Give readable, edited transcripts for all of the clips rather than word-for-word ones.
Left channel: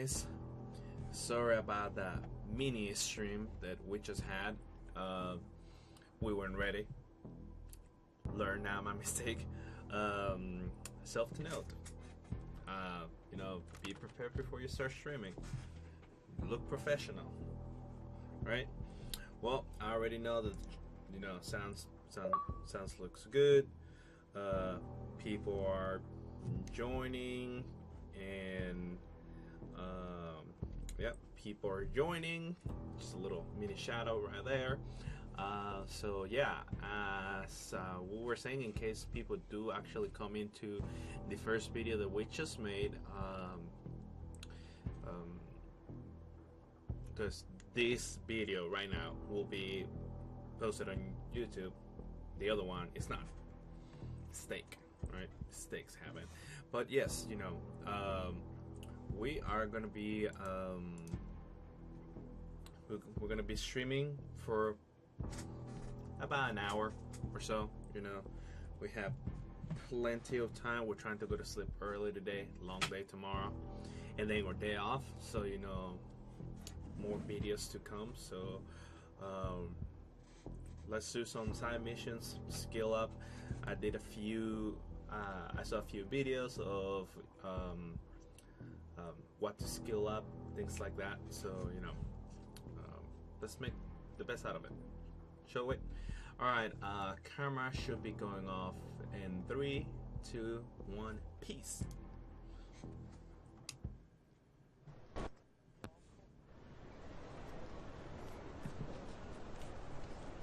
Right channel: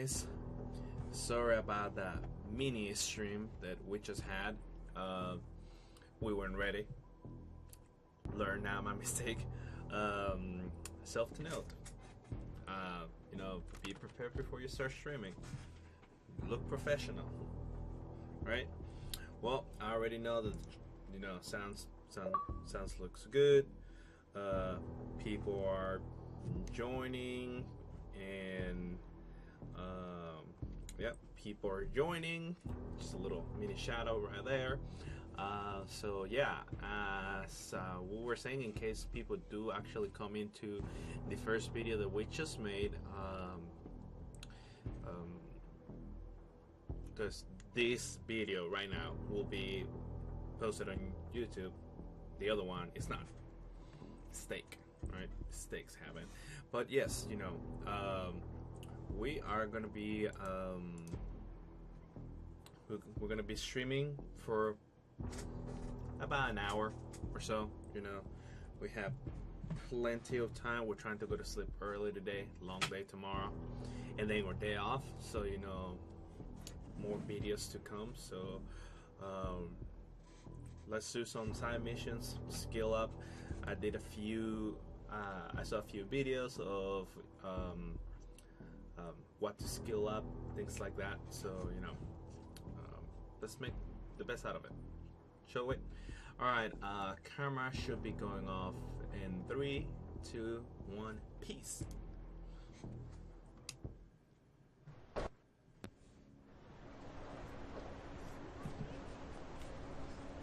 guys. Sorry about that mini stream that we just had. We weren't ready. Learn now my mistake. Self to note. Be prepared before you start streaming. Look professional, right? Well, I already know that sounds looks good. People are joining, and yep, people are joining. Just a little mini shadow right there. So yeah, as we were saying, in case people do actually come into the first video that we just made, because this video right now will be posted on YouTube. The other one is not. Steak, right? Steaks happen. But yes, we are gonna be we're gonna be streaming for about an hour or so. We have plenty of time. We're trying to go to sleep early today, long day tomorrow, and then we're day off, so more videos to come. So let's do some side missions, skill up. I did I saw a few videos of what to skill up, things like that. So let's make the best out of it, shall we? Alright, camera should be going off in 3, 2, 1, peace.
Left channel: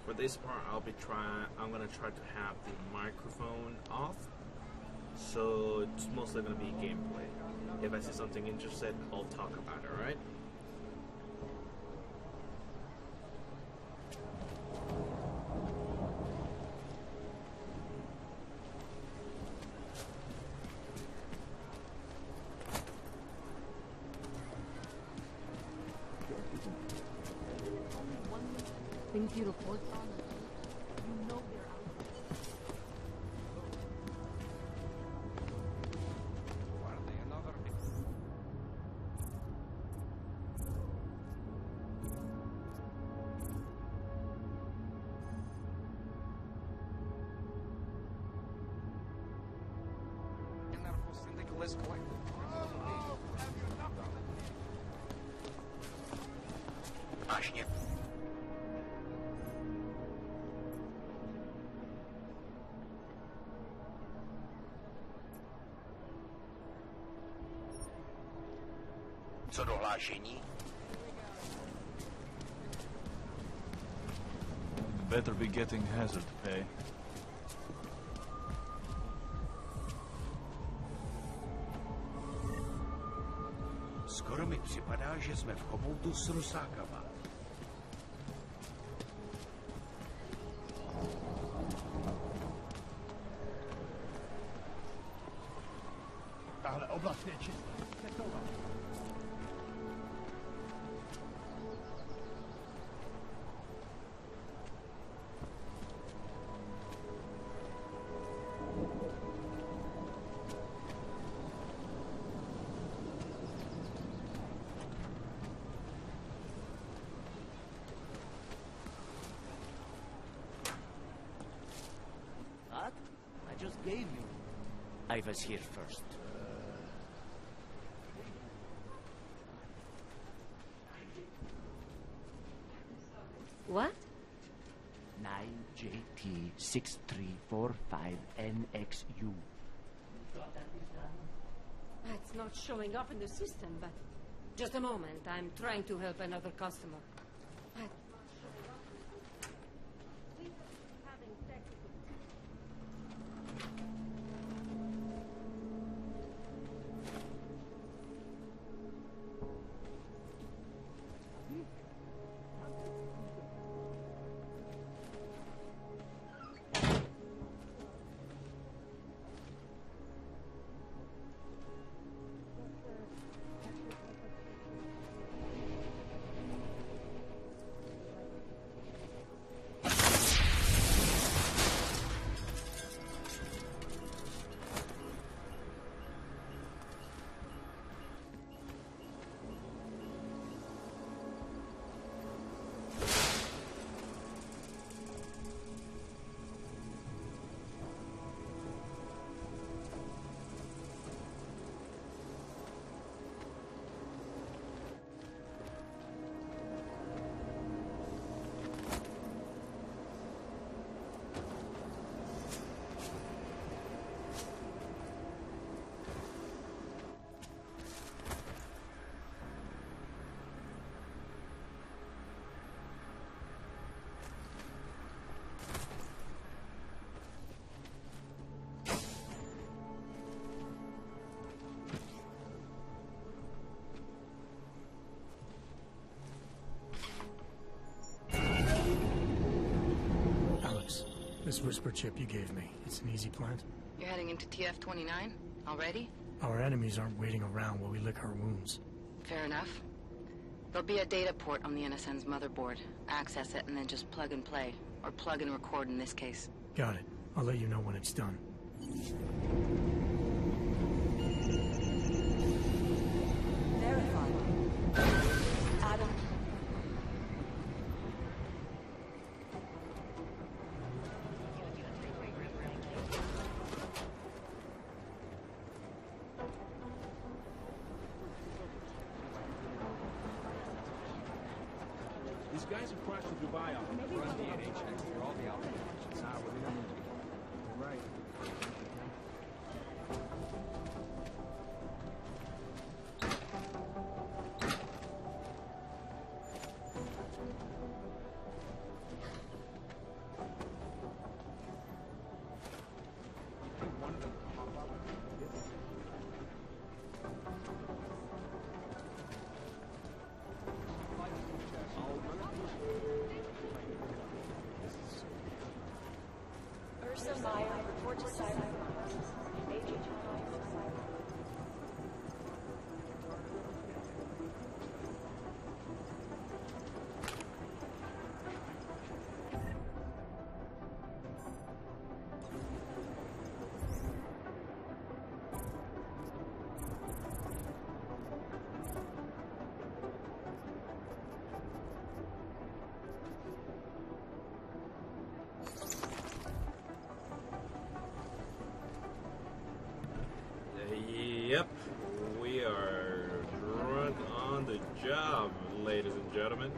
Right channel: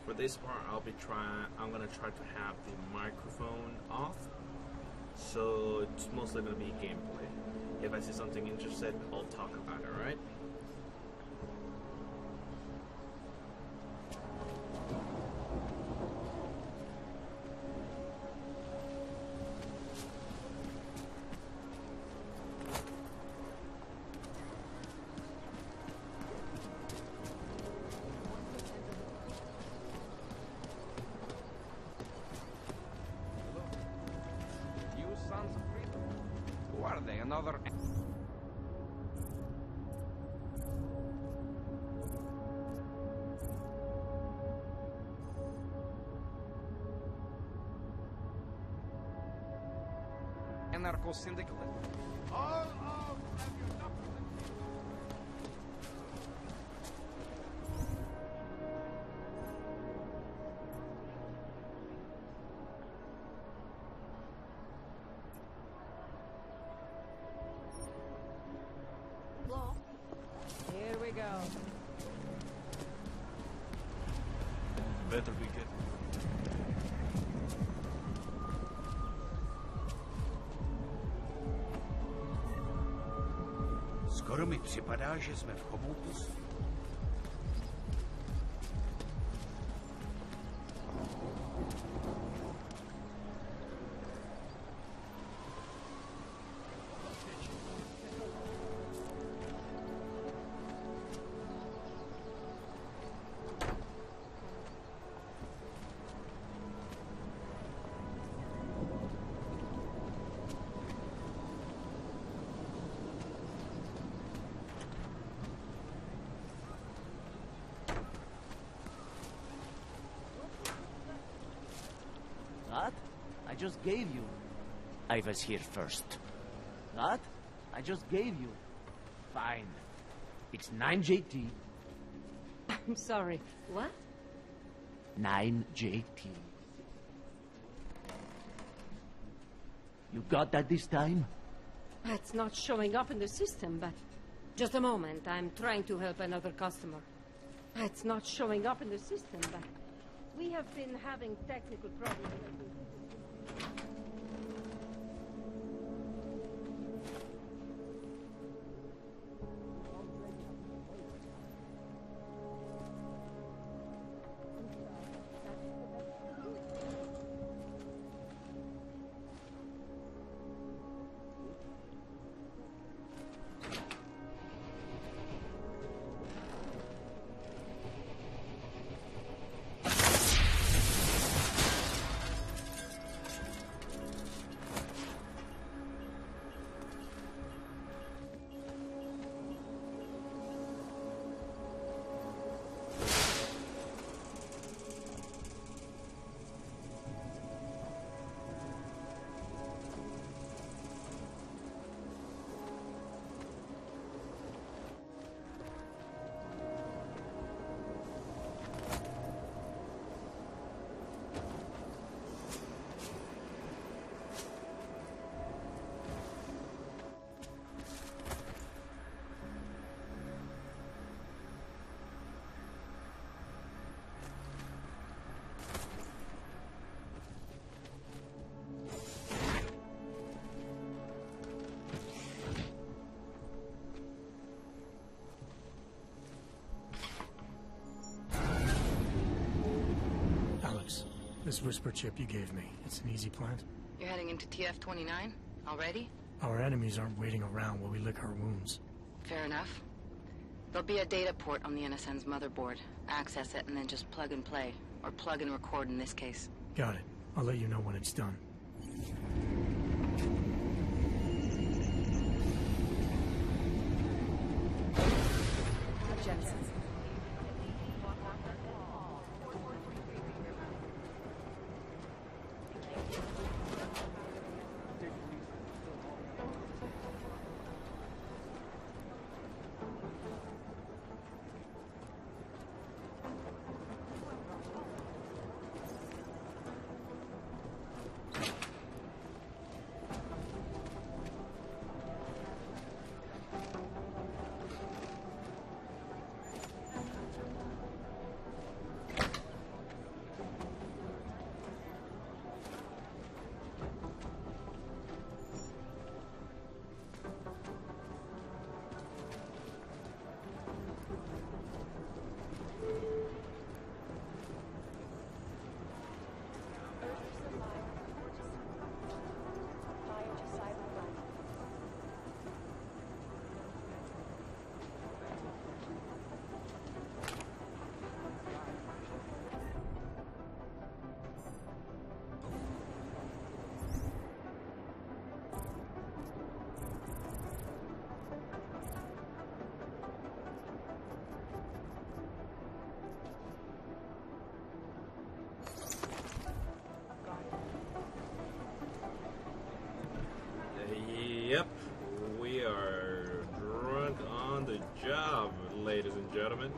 For this part, I'm gonna try to have the microphone off, so it's mostly gonna be gameplay. If I see something interesting, I'll talk about it, alright? Syndicalist. All out! Have you knuckles and Here we go. Better be getting hazard pay. Skoro mi připadá, že jsme v chomoutu s rusákama. Tahle oblast je čistá. What? I just gave you. I was here first. What? I just gave you. Fine. It's 9JT. I'm sorry. What? 9JT6345NXU. You got that this time? It's not showing up in the system, but... Just a moment. I'm trying to help another customer. It's not showing up in the system, but... We have been having technical problems. This whisper chip you gave me, it's an easy plant? You're heading into TF-29? Already? Our enemies aren't waiting around while we lick our wounds. Fair enough. There'll be a data port on the NSN's motherboard. Access it and then just plug and play. Or plug and record in this case. Got it. I'll let you know when it's done. Yep, we are drunk on the job, ladies and gentlemen.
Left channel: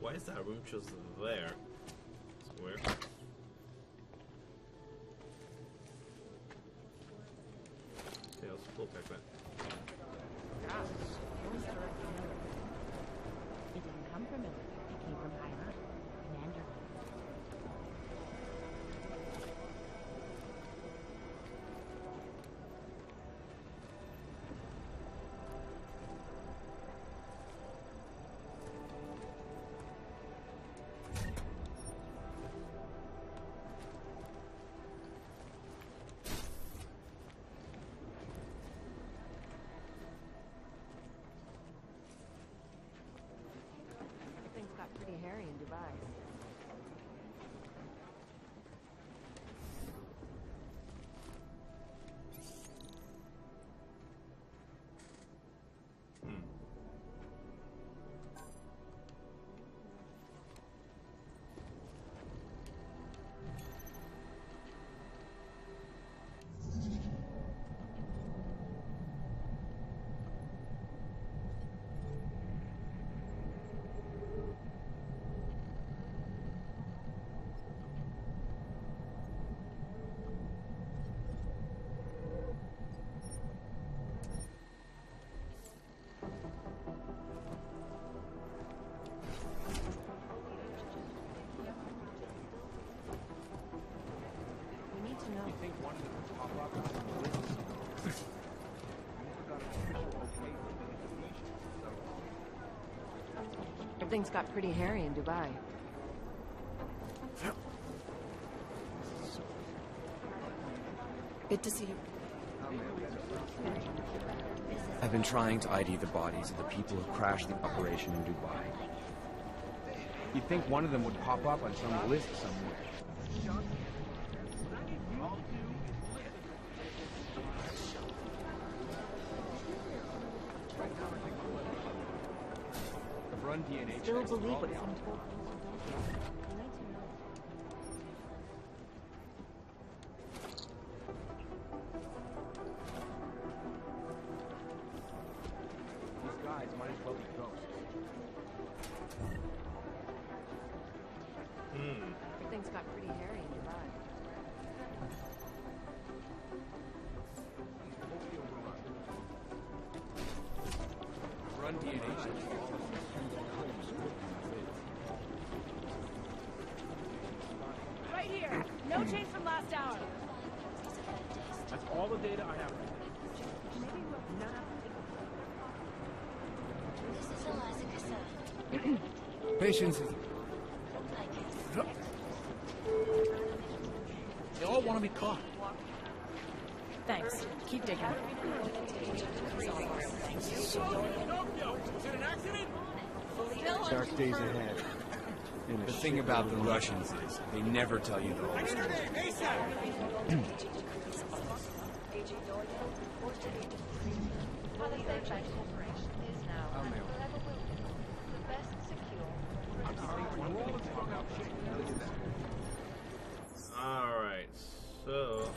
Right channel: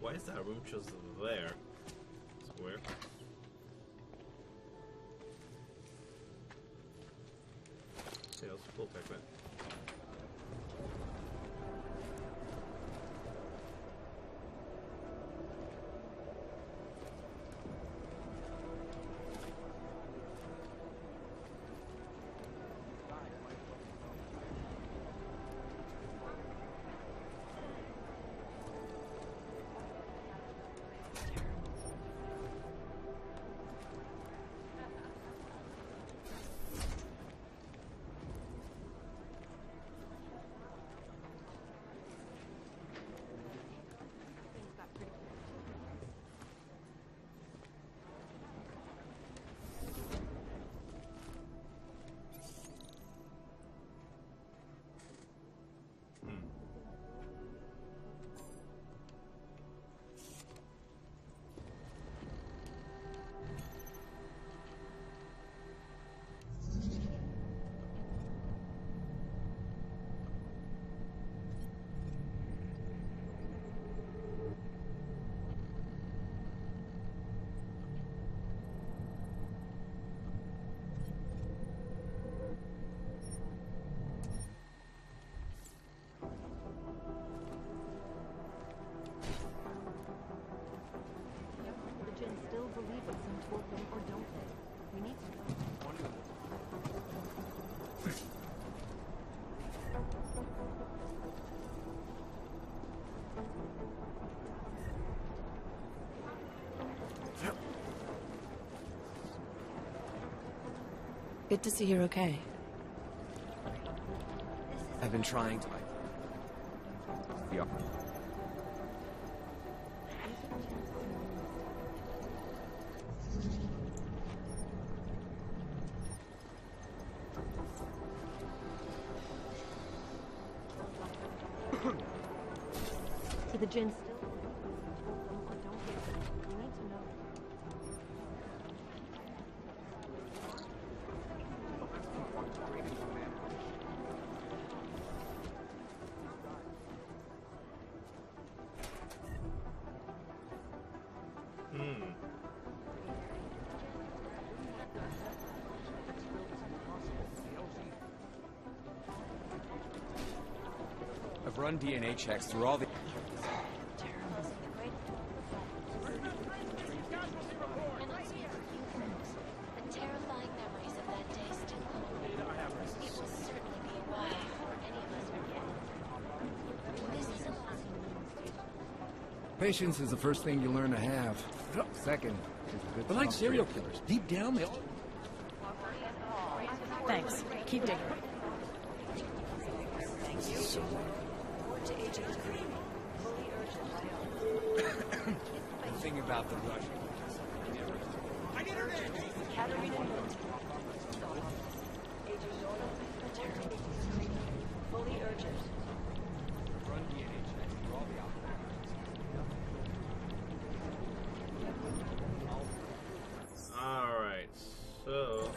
Why is that room just there? It's weird. Okay, let's pull back that. Things got pretty hairy in Dubai. Things got pretty hairy in Dubai. Good to see you're okay. I've been trying to ID the bodies of the people who crashed the operation in Dubai. You'd think one of them would pop up on some list somewhere. Do the Jinn still believe what's been told them, or don't they? We need to know. These guys might as well be ghosts. Things got pretty hairy in Dubai. run DNA checks through all the... Right here. No change from last hour. Terrifying memories of that day still. All the data I have right now. This is Alaska. Patience is the first thing you learn to have. Second. But like serial killers, deep down, they all want to be caught. Thanks. Keep digging. Dark days ahead. The thing about the Russians is they never tell you the I need her name, ASAP! Alright, so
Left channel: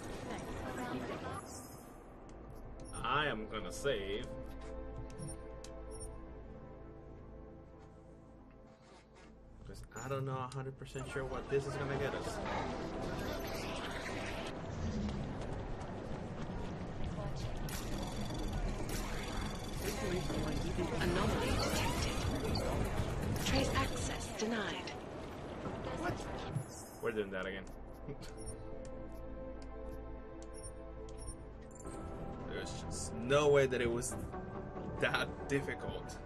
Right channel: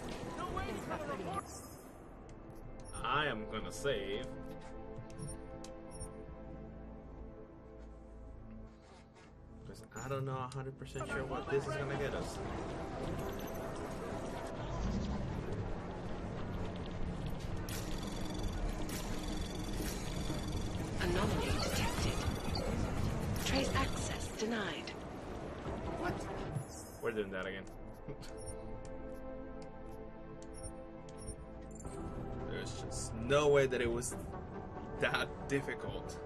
I am gonna save. Because I don't know 100% sure what this is gonna get us. Anomaly detected. Trace access denied. What? We're doing that again. There's just no way that it was that difficult.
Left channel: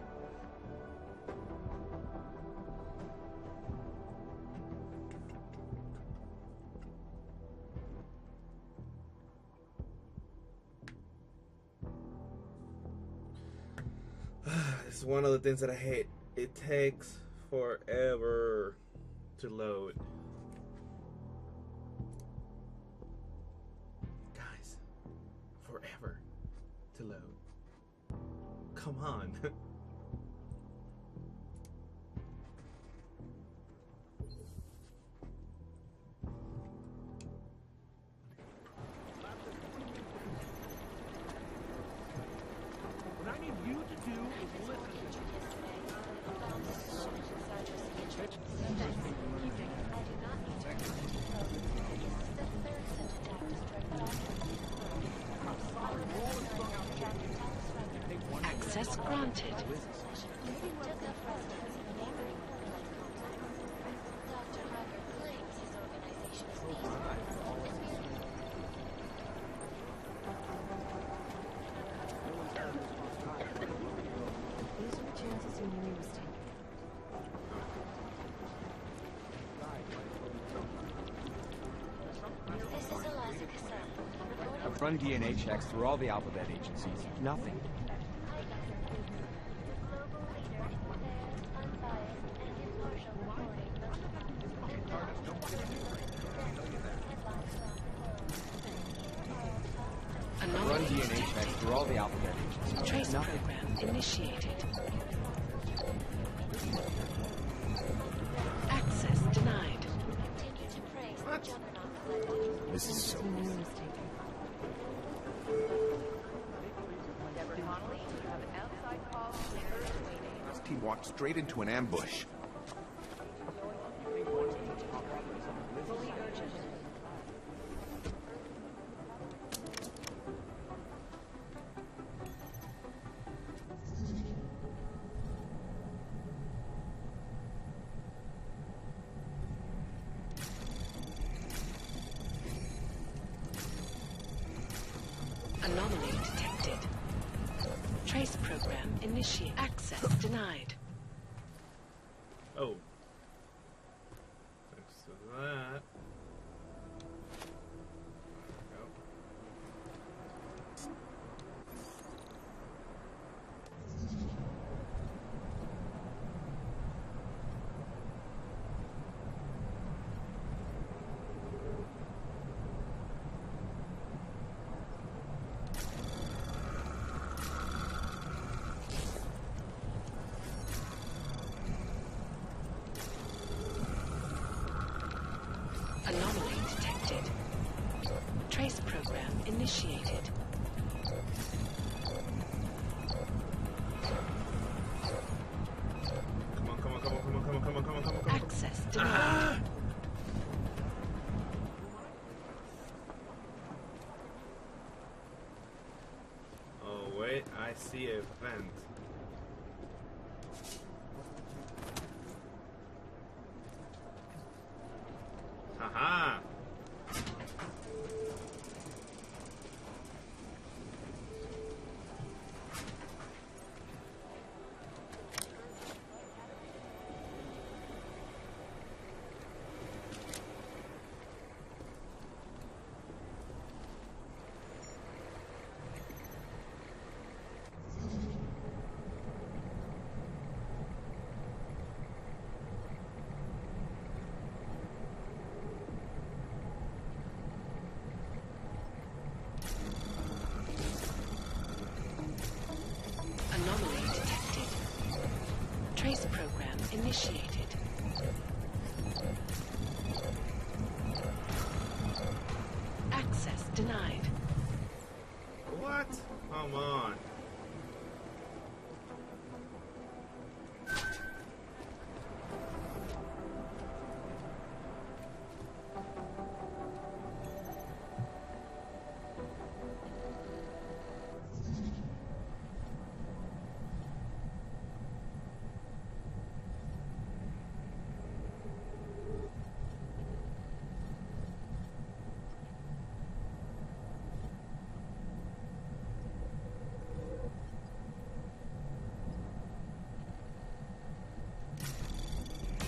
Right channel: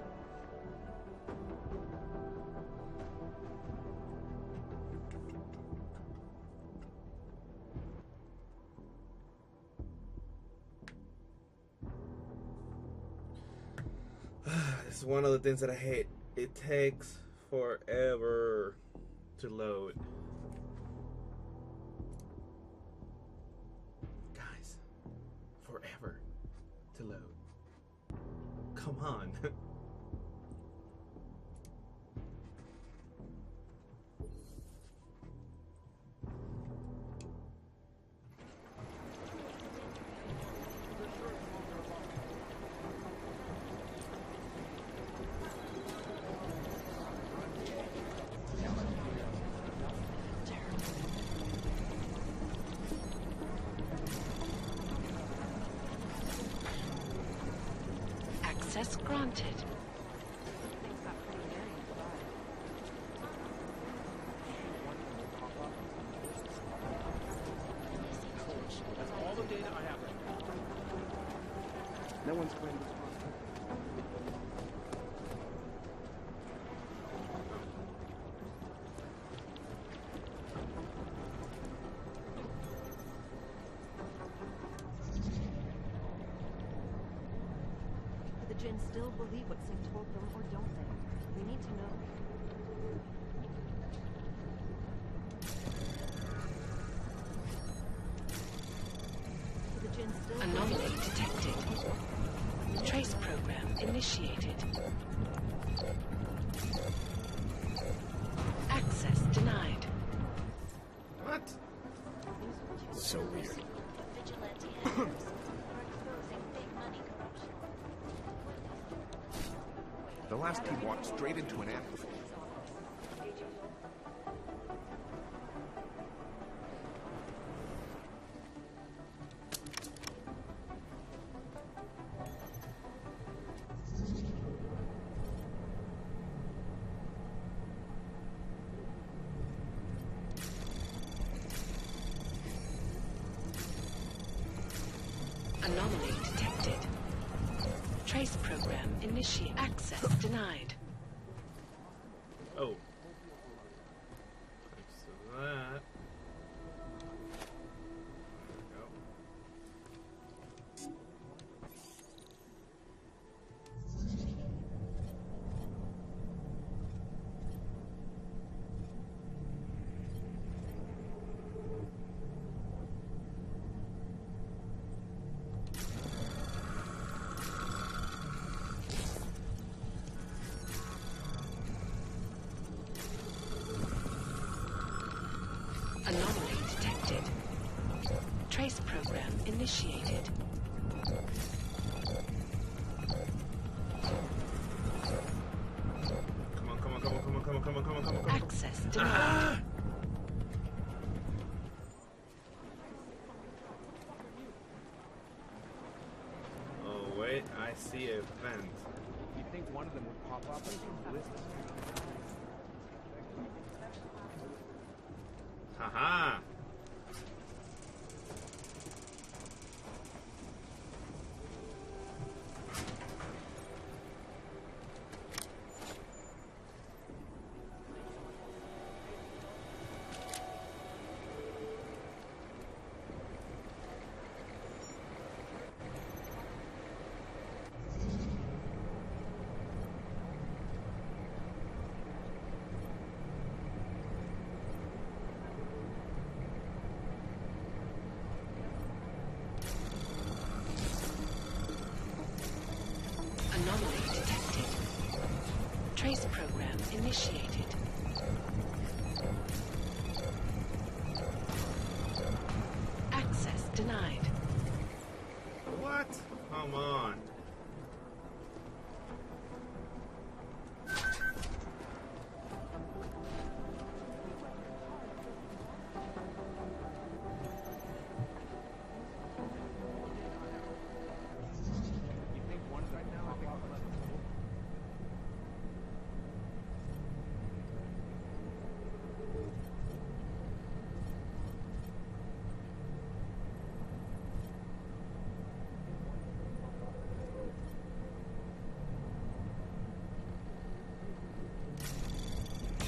This is one of the things that I hate. It takes forever to load. Guys, forever to load. Come on. Access granted. No one's turned this on. I've run DNA checks through all the alphabet agencies. Nothing. Anomaly detected. Trace program initiated. Access denied. What? This is so weird. The last team walked straight into an ambush. Anomaly detected. Trace program initiate. Access denied. Oh. Thanks to that. There we go. Anomaly detected. Trace program initiated. Come on, come on, come on, come on, come on, come on, come on, come on, come on. Access denied. Oh wait, I see a vent. You think one initiated. Access denied. What? Come on.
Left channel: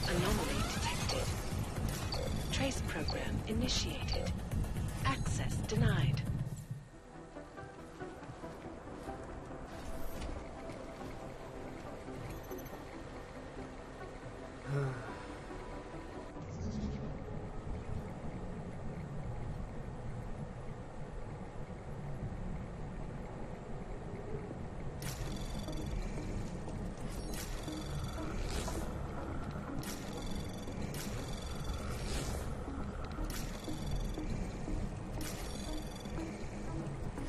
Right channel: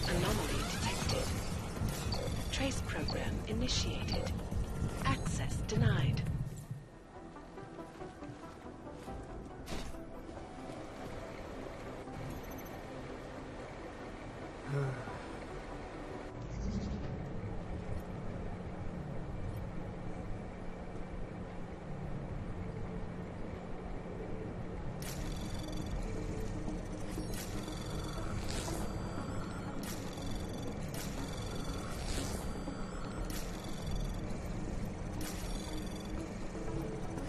Anomaly detected. Trace program initiated. Access denied.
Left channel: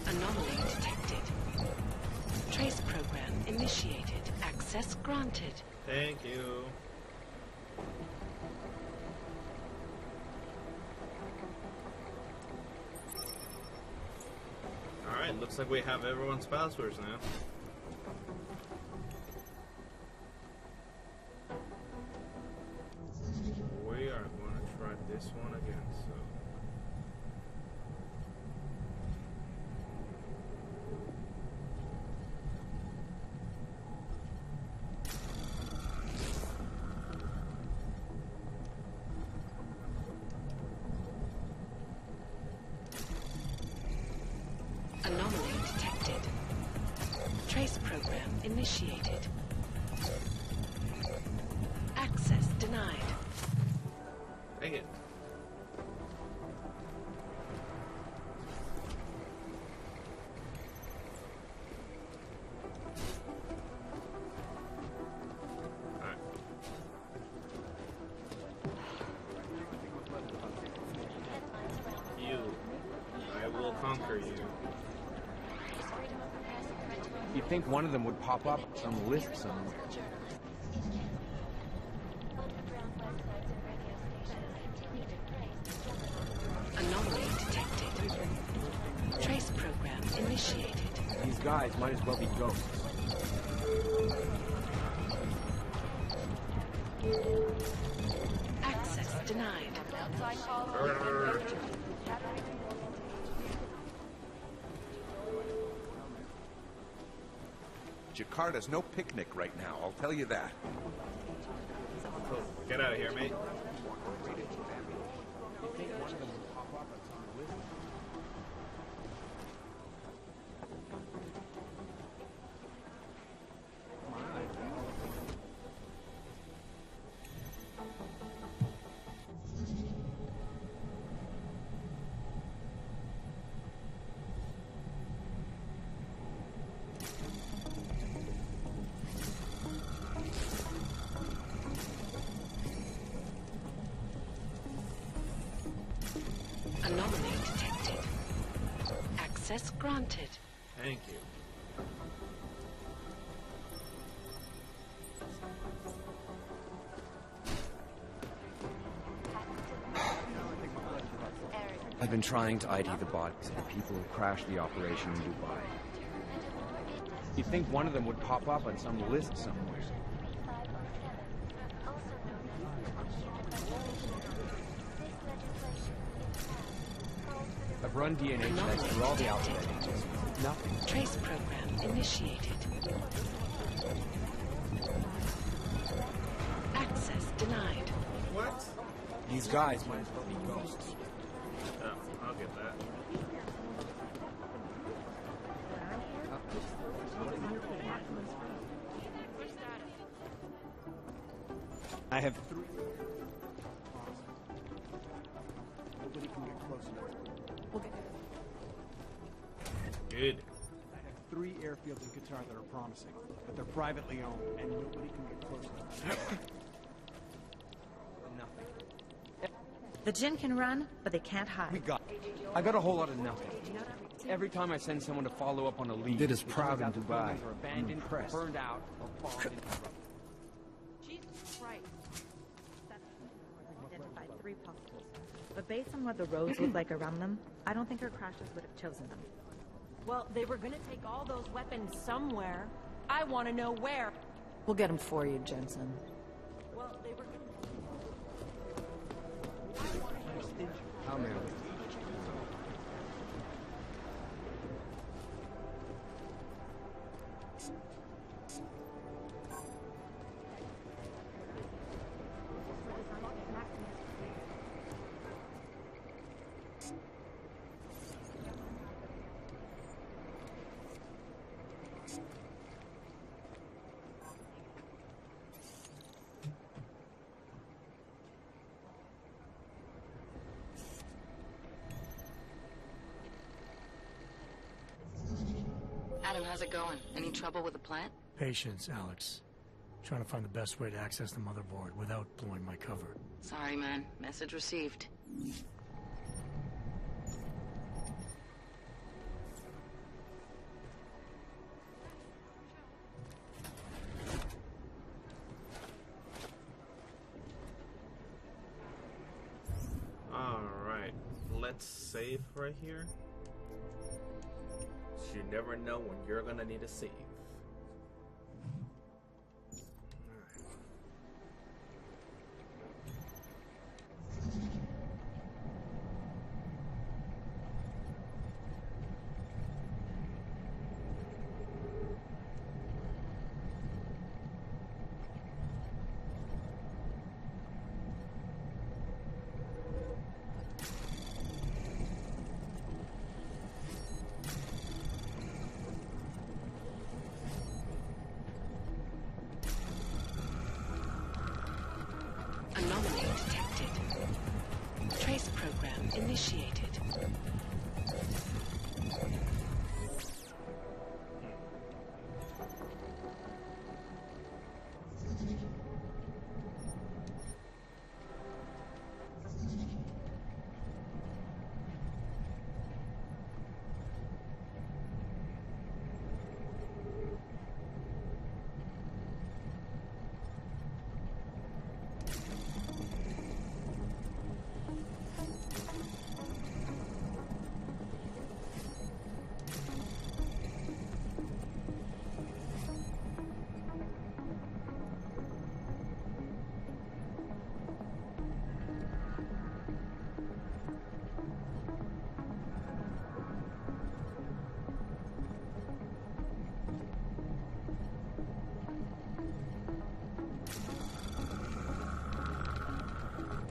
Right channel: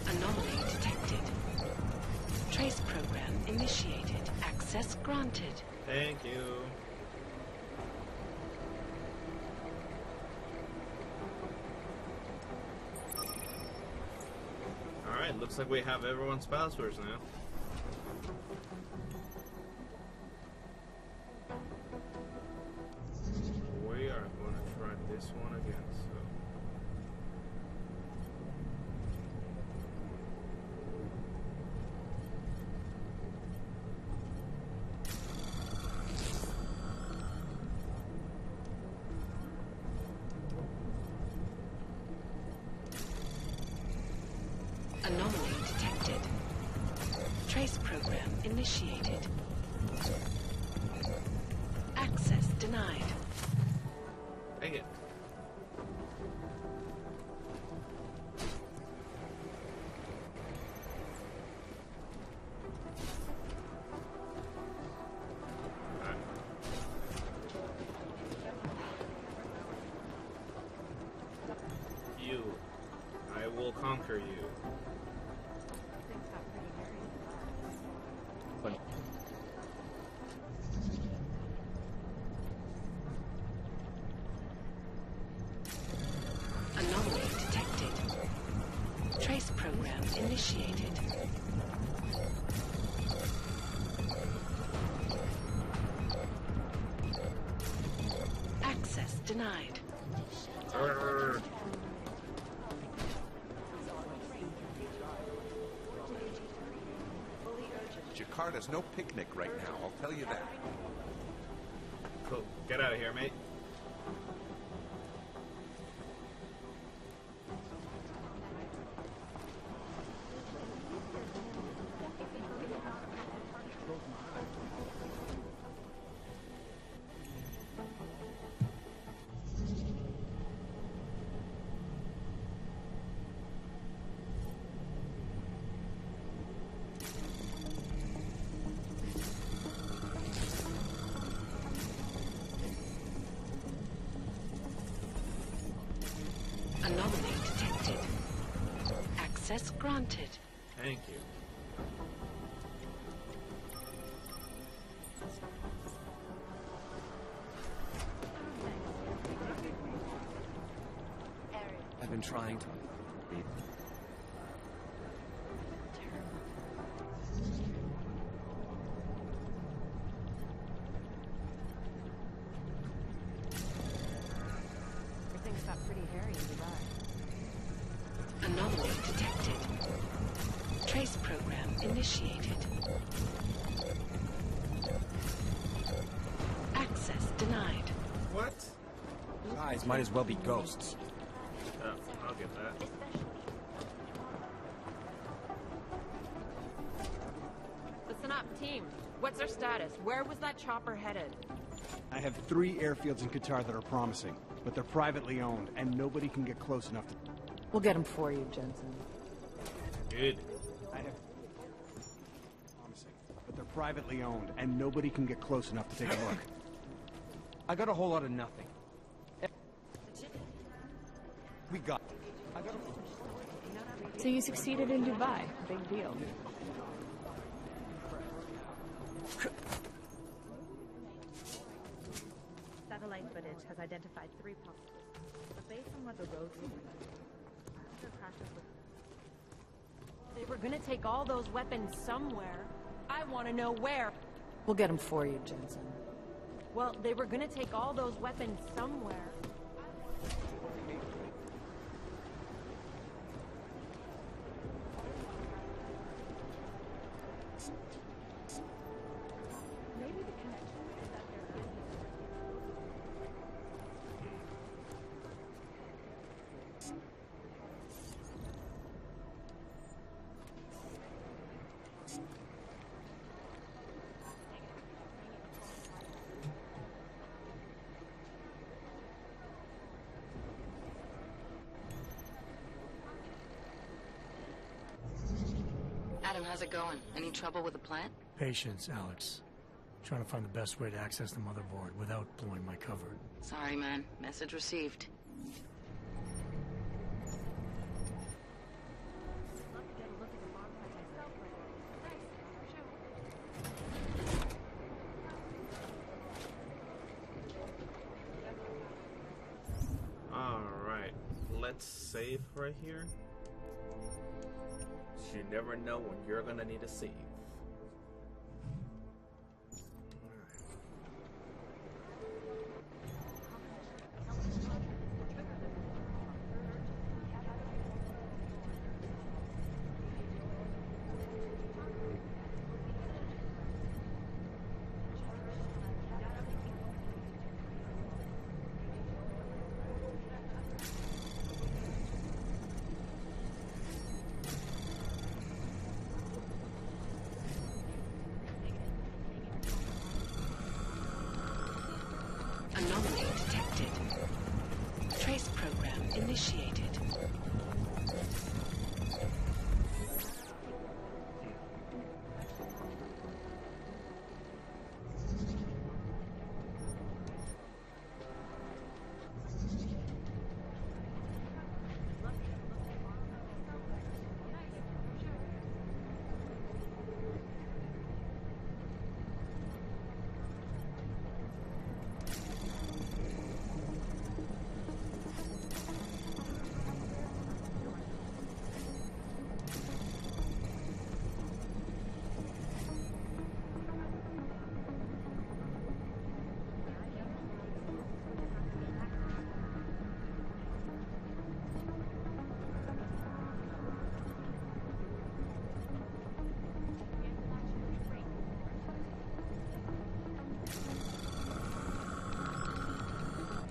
Anomaly detected. Trace program initiated. Access granted. Thank you. Alright, looks like we have everyone's passwords now. We are going to try this one again, so... Anomaly detected. Trace program initiated. Access denied. Dang it. Alright. You. I will conquer you. You'd think one of them would pop up on some list somewhere. Anomaly detected. Trace program initiated. These guys might as well be ghosts. Access denied. Jakarta's no picnic right now, I'll tell you that. Cool. Get out of here, mate. Anomaly detected. Access granted. Thank you. I've been trying to ID the bodies of the people who crashed the operation in Dubai. You'd think one of them would pop up on some list somewhere. I've run DNA Anomaly tests for all the detected. Nothing. Trace program initiated. Access denied. What? These guys might as well be ghosts. Oh, I'll get that. Listen up, team. What's our status? Where was that chopper headed? I have 3 airfields in Qatar that are promising, but they're privately owned, and nobody can get close enough to... We'll get him for you, Jensen. Good. I have 3 airfields in Qatar that are promising, but they're privately owned, and nobody can get close enough to take a look. I got a whole lot of nothing. The Jinn can run, but they can't hide. We got it. I got a whole lot of nothing. So you Every time I succeeded send in someone Dubai. to follow up on a He lead, did his proud in Dubai. abandoned, Impressed. burned out. Satellite footage has identified 3 possibles. But based on what the roads look like around them, I don't think our crashers would have chosen them. Well, they were gonna take all those weapons somewhere. I want to know where. We'll get them for you, Jensen. Well, they were gonna take all those weapons somewhere. I want to know where. I'll manage it. Adam, how's it going? Any trouble with the plant? Patience, Alex. Trying to find the best way to access the motherboard without blowing my cover. Sorry, man. Message received. Alright, let's save right here. You never know when you're gonna need a save. Anomaly detected. Trace program initiated.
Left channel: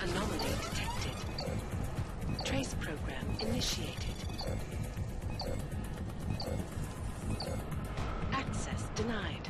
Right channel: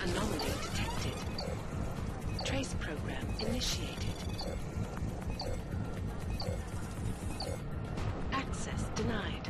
Anomaly detected. Trace program initiated. Access denied.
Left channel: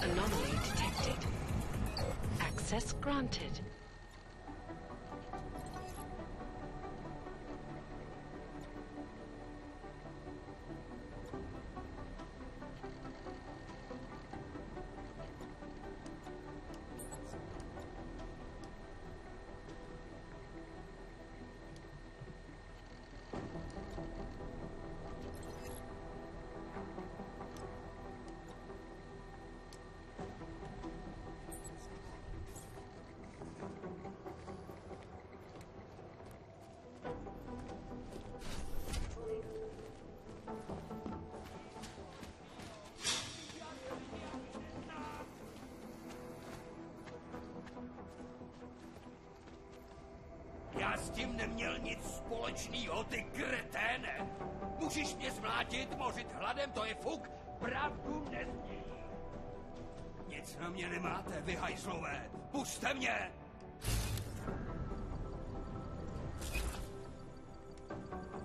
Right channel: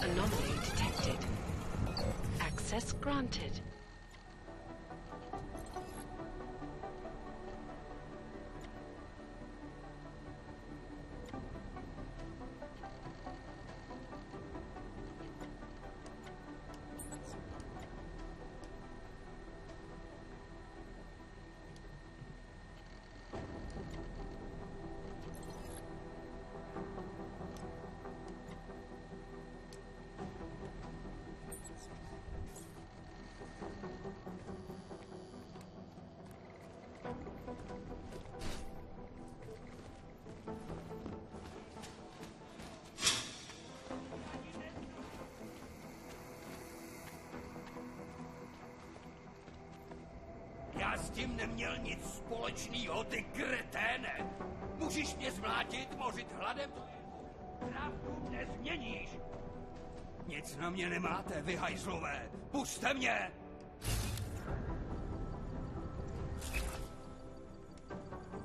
Anomaly detected. Access granted. s tím neměl nic společného, ty kreténe! Můžeš mě zmlátit, mořit hladem, to je fuk, pravdu nezměníš! Nic na mě nemáte, vy hajzlové! Pusťte mě!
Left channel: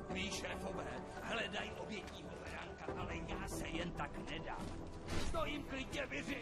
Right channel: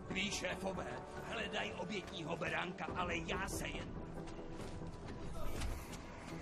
Tví šéfové hledají obětního beránka, ale já se jen tak nedám. Stojím klidně, vyři!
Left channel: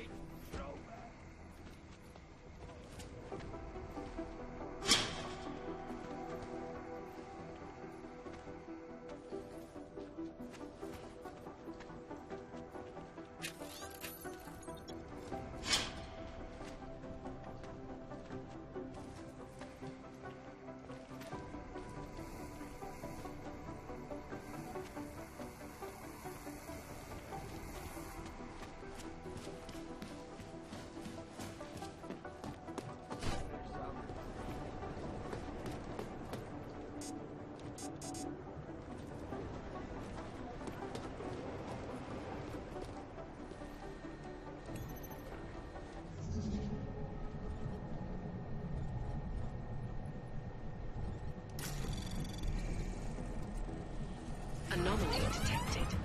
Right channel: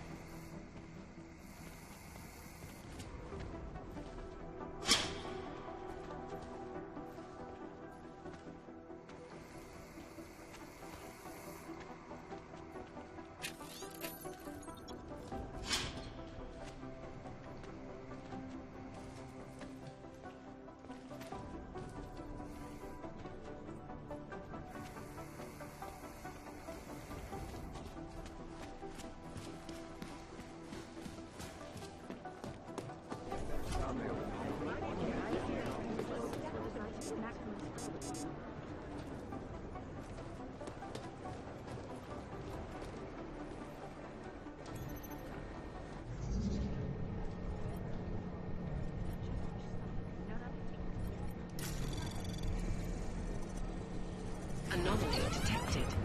Anomaly detected.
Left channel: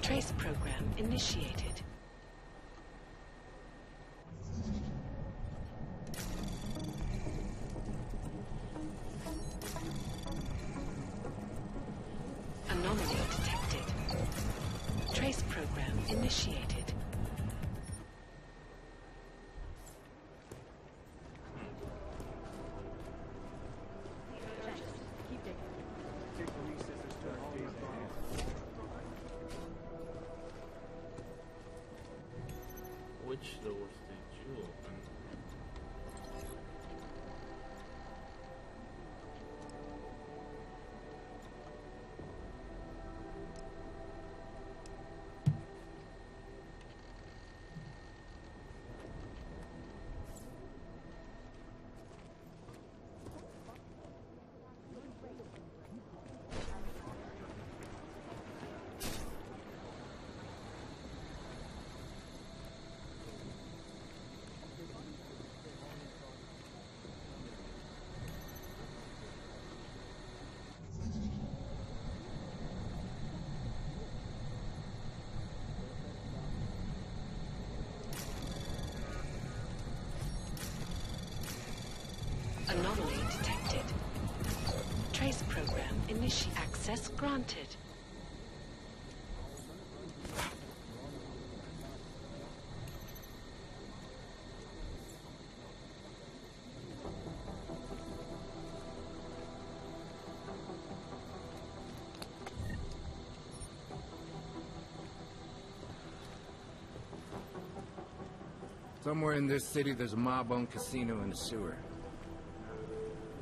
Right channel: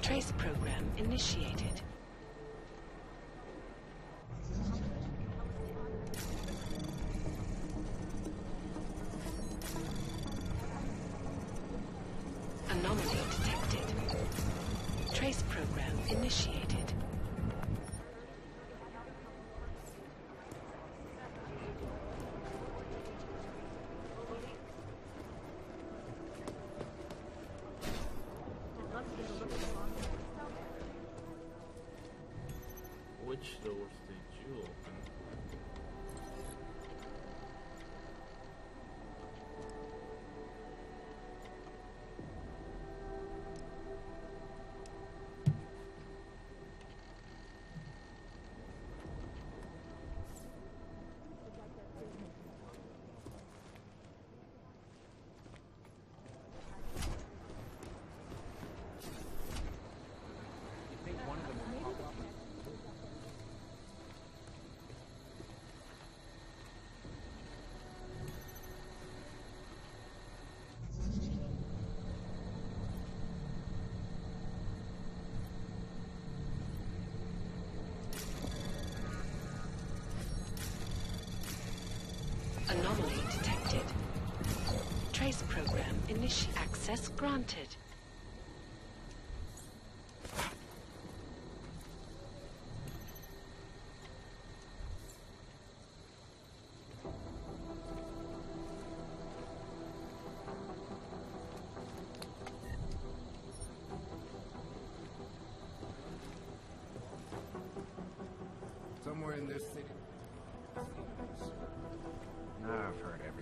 Trace program initiated. Anomaly detected. Trace program initiated. Which doors did you open? Anomaly detected. Trace program initiate. Access granted. Somewhere in this city, there's a mob-owned casino in the sewer. Now I've heard everything.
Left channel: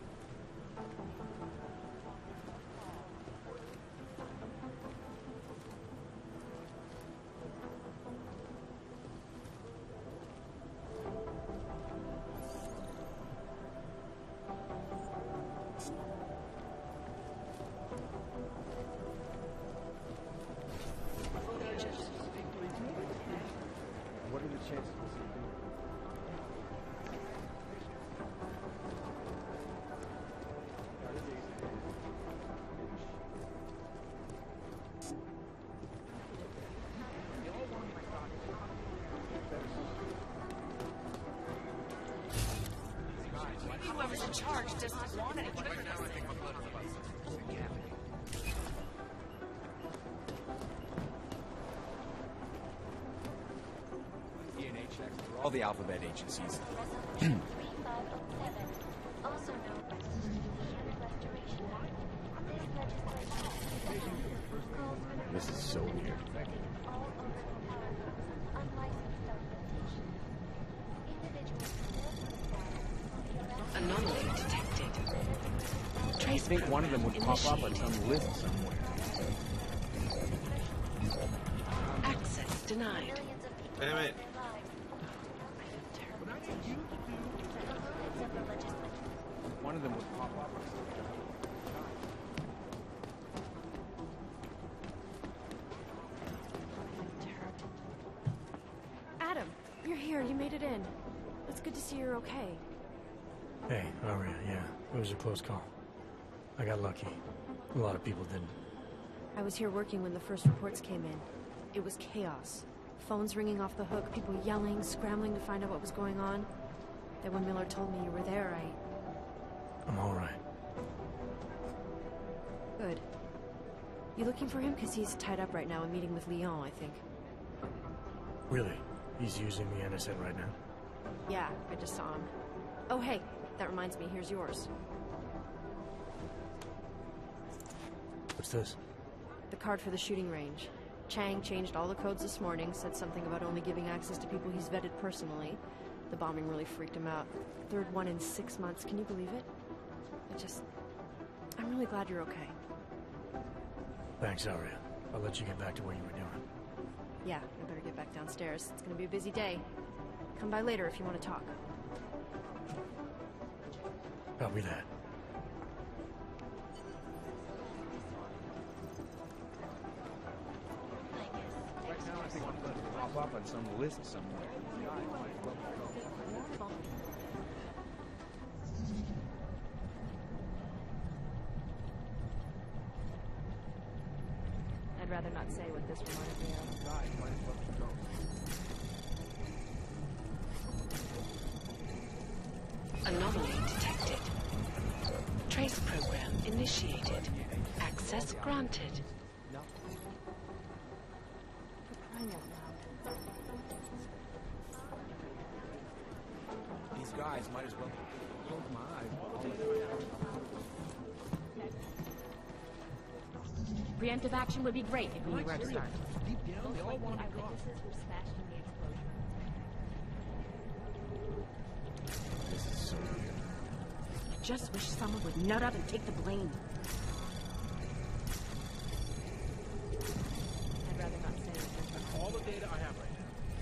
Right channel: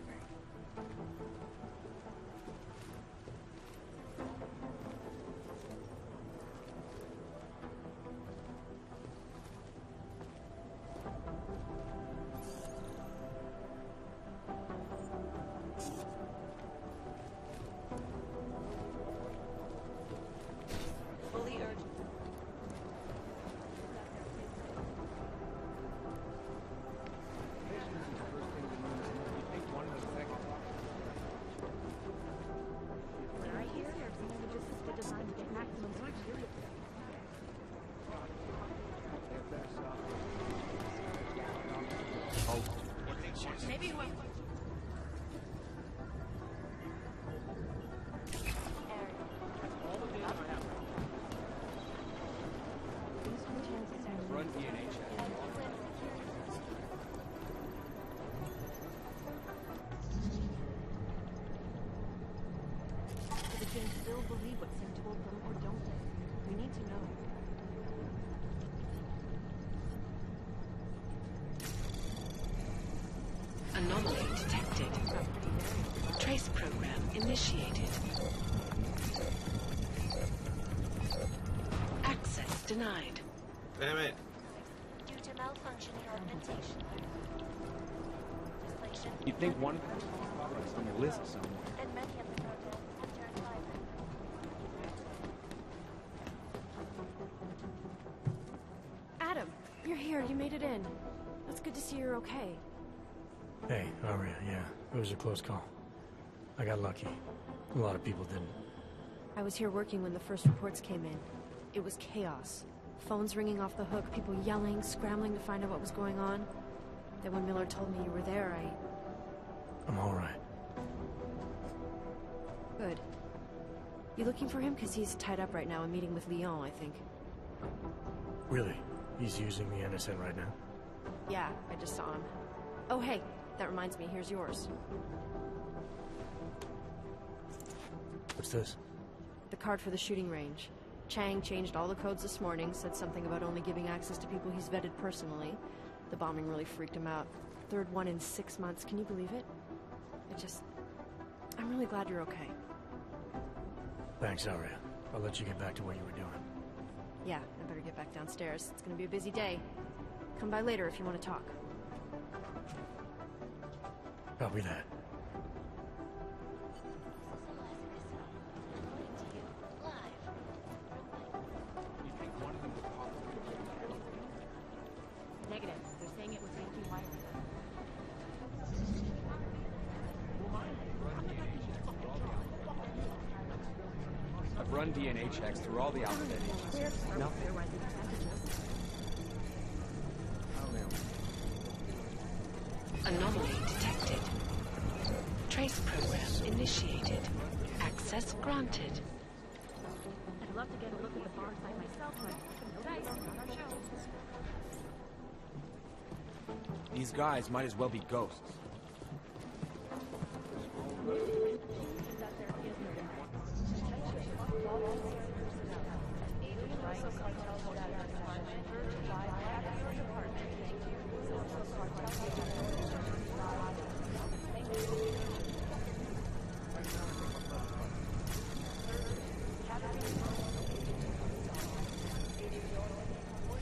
Maybe whoever's in charge doesn't want anyone to Run DNA checks through all the alphabet agencies. This is so weird. Anomaly detected. Trace program initiated. Access denied. Damn it. You'd think one of them would pop up on some list or something. Adam, you're here. You made it in. It's good to see you're okay. Hey, Aria, yeah. It was a close call. I got lucky. A lot of people didn't. I was here working when the first reports came in. It was chaos. Phones ringing off the hook, people yelling, scrambling to find out what was going on. Then when Miller told me you were there, I'm alright. Good. You looking for him? Because he's tied up right now and meeting with Leon, I think. Really? He's using the NSN right now? Yeah, I just saw him. Oh, hey, that reminds me, here's yours. What's this? The card for the shooting range. Chang changed all the codes this morning, said something about only giving access to people he's vetted personally. The bombing really freaked him out. Third one in 6 months, can you believe it? I'm really glad you're okay. Thanks, Aria. I'll let you get back to what you were doing. Yeah, I better get back downstairs. It's gonna be a busy day. Come by later if you want to talk. Copy that. One of them will pop up on some list somewhere. I've run DNA checks through all the outlets. Anomaly detected. Trace program initiated. Access granted. These guys might as well be ghosts. Preemptive action would be great if we were to start. Just wish someone would nut up and take the blame.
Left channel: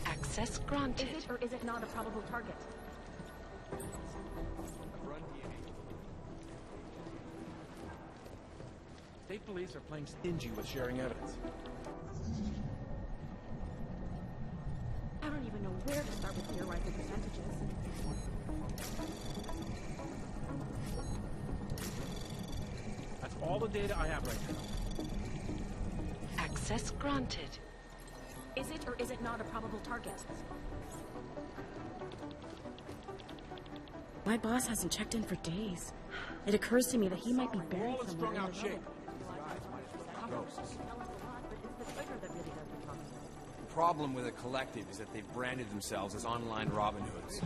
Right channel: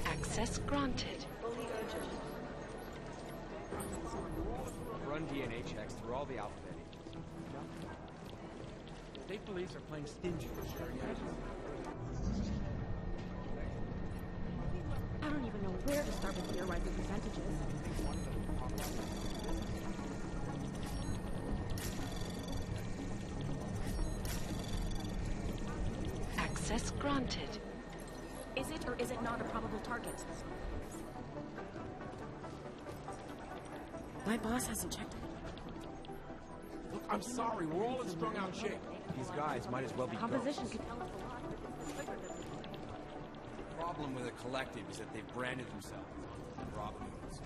Access granted. Or is it not a probable target? I've run DNA checks through all the alpha pages. State police are playing stingy with sharing evidence. I don't even know where to start with theorizing percentages. That's all the data I have right now. Access granted. Is it or is it not a probable target? My boss hasn't checked in for days. It occurs to me that he might be We're all buried in somewhere strung in out the shape. rubble. These guys might as well be Composition ghosts. could tell us a lot, but it's the trigger that really doesn't talk. The problem with a collective is that they've branded themselves as online Robin Hoods.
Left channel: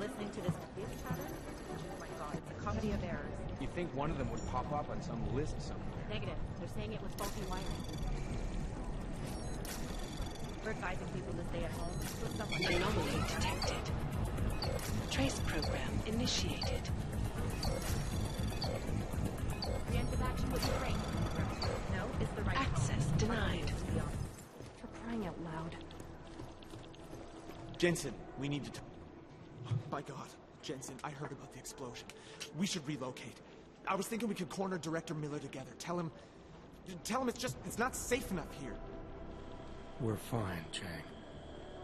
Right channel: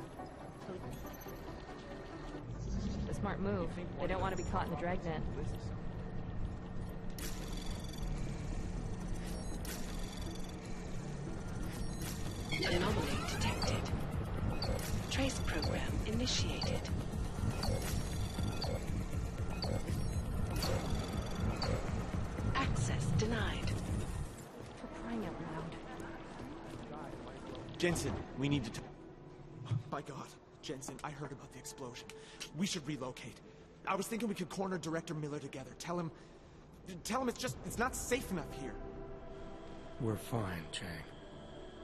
Listening to this police chatter? Oh my god, it's a comedy of errors. Smart move. You think They one of don't them want to would be pop caught up and on dragged some in. list somewhere? Negative. They're saying it was faulty lighting. We're guiding people to stay at home. Anomaly detected. Trace program initiated. Access denied. For crying out loud. Jensen, we need to My God, Jensen, I heard about the explosion. We should relocate. I was thinking we could corner Director Miller together. Tell him it's not safe enough here. We're fine, Chang.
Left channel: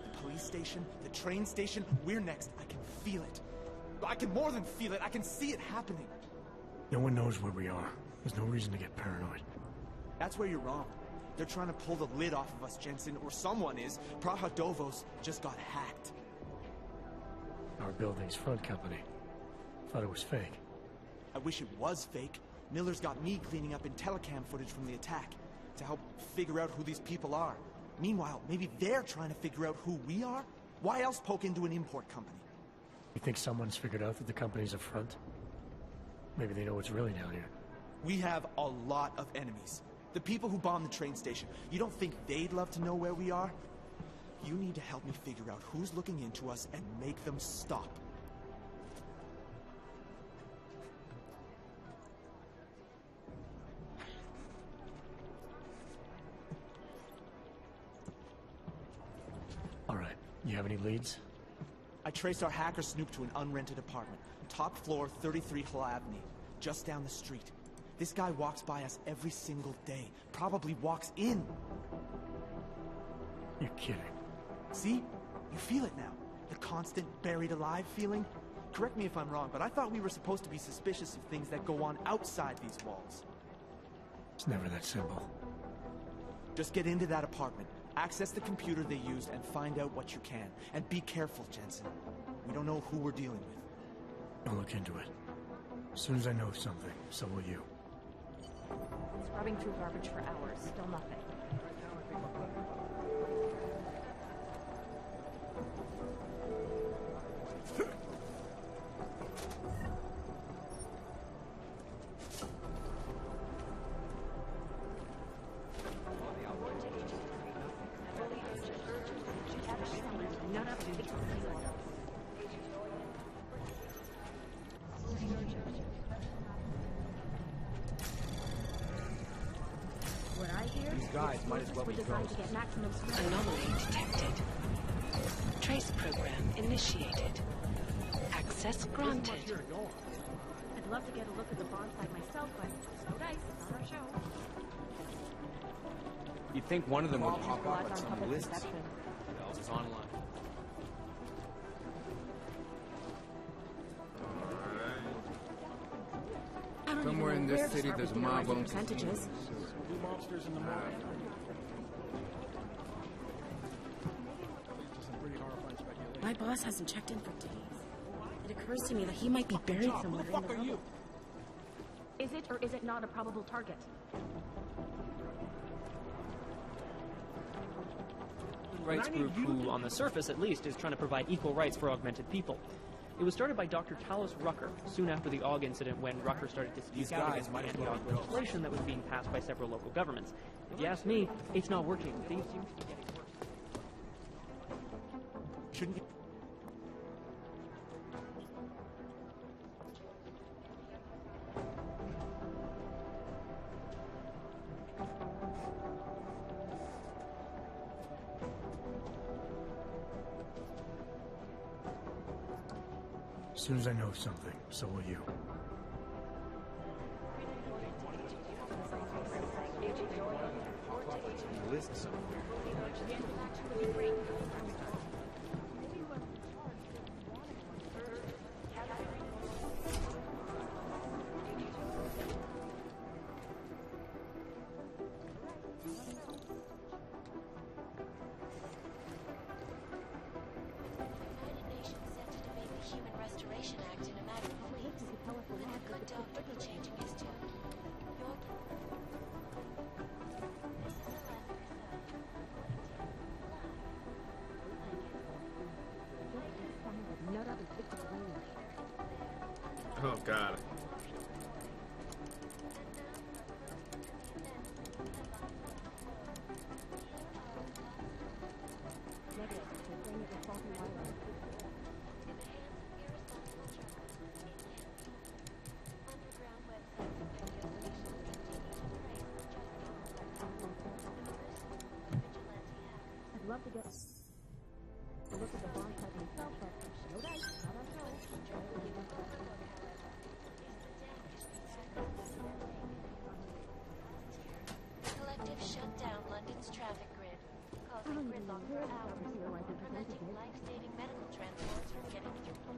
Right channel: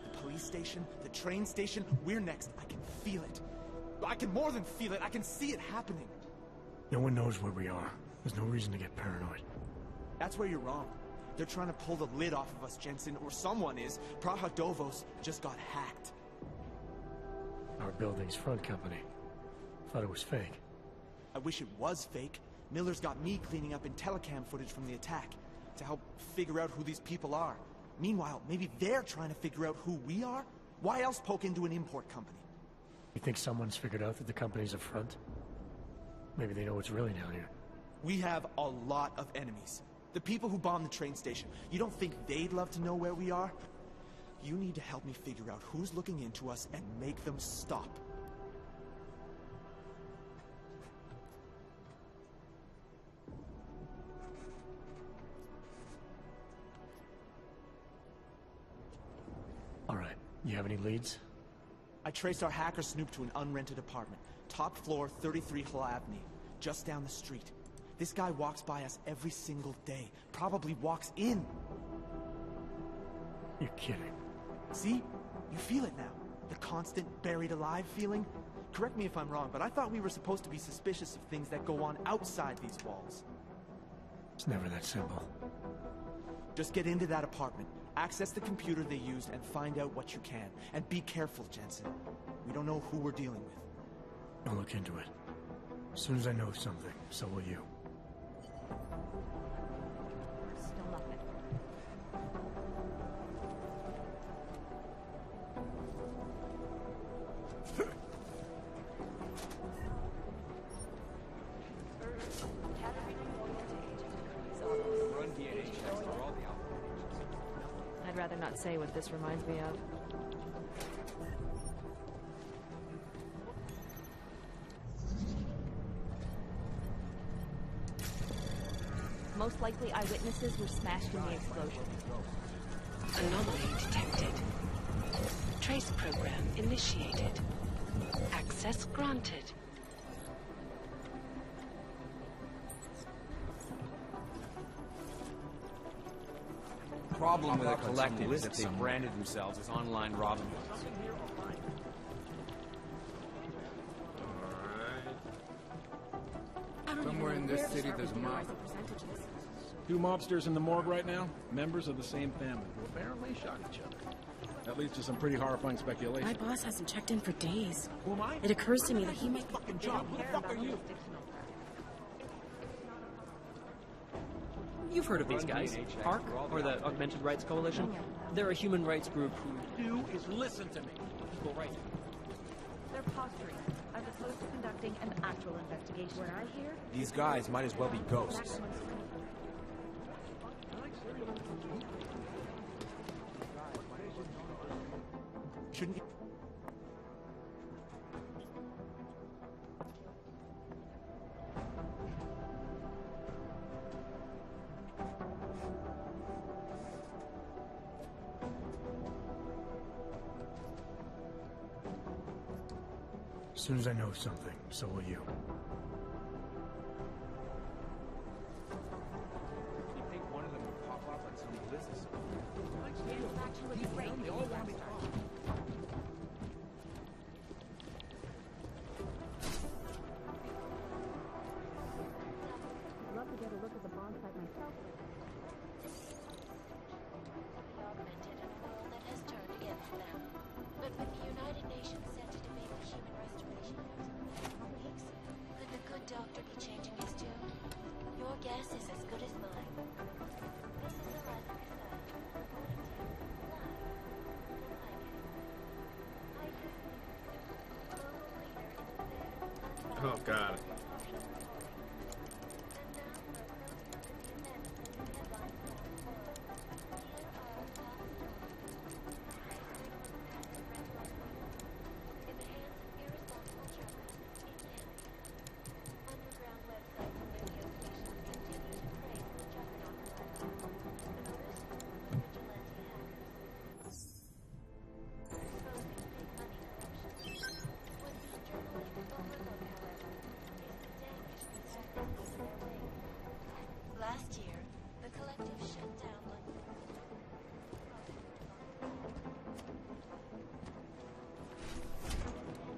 The police station, the train station, we're next. I can feel it. I can more than feel it. I can see it happening. No one knows where we are. There's no reason to get paranoid. That's where you're wrong. They're trying to pull the lid off of us, Jensen, or someone is. Prahadovos just got hacked. Our building's front company. Thought it was fake. I wish it was fake. Miller's got me cleaning up IntelliCam footage from the attack to help figure out who these people are. Meanwhile, maybe they're trying to figure out who we are? Why else poke into an import company? You think someone's figured out that the company's a front? Maybe they know what's really down here. We have a lot of enemies. The people who bombed the train station. You don't think they'd love to know where we are? You need to help me figure out who's looking into us and make them stop. All right. You have any leads? I traced our hacker snoop to an unrented apartment. Top floor, 33 Hlavny. Just down the street. This guy walks by us every single day. Probably walks in. You're kidding. See? You feel it now. The constant buried alive feeling? correct me if I'm wrong, but I thought we were supposed to be suspicious of things that go on outside these walls. It's never that simple. Just get into that apartment, access the computer they used, and find out what you can. And be careful, Jensen. We don't know who we're dealing with. I'll look into it. As soon as I know something, so will you. Been scrubbing through garbage for hours, still nothing. I'd rather not say what this reminds me of. Most likely eyewitnesses were smashed. These guys might as well be ghosts. Anomaly detected. Trace program initiated. Access granted. I'd love to get a look at the bonfire myself, but thanks, no show. You think one of them would pop up on some list that branded themselves as online robbers? Somewhere in this city, there's a mob of percentages. two mobsters in the morgue right now, members of the same family. Apparently shot each other. That leads to some pretty horrifying speculation. My boss hasn't checked in for days. Who am I? It occurs to me that he might be buried Who somewhere. the fuck are you? Is it or is it not a probable target? You've heard of these guys, ARC, or the Augmented Rights Coalition. They're a human rights group who, on the surface at least, is trying to provide equal rights for augmented people. It was started by Dr. Talos Rucker soon after the AUG incident when Rucker started These guys might as well be ghosts. legislation that was being passed by several local governments. If you ask me, it's not working. Shouldn't you? As soon as I know something, so will you. You think one of them would pop up on some list somewhere? But when the United Nations set to debate the Human Restoration Act in a matter of weeks, could the good doctor be changing his tune? Your guess is as good as mine. This is Eliza Casada, reporting to you live from ICAS. ICAS, the global leader in fair, Oh, God. impartial reporting. And now for a close look at the events making headlines around the world. Here are our top stories. In the hands of irresponsible truckers, it can be. Underground websites and radio stations continue to praise the just authorized an elusive group of vigilante hackers. Exposing big money corruption. What these journalists overlook, however, is the damage these hackers leave in their wake. Last year, the collective shut down London's traffic grid, causing gridlock for hours, preventing life-saving medical transfers from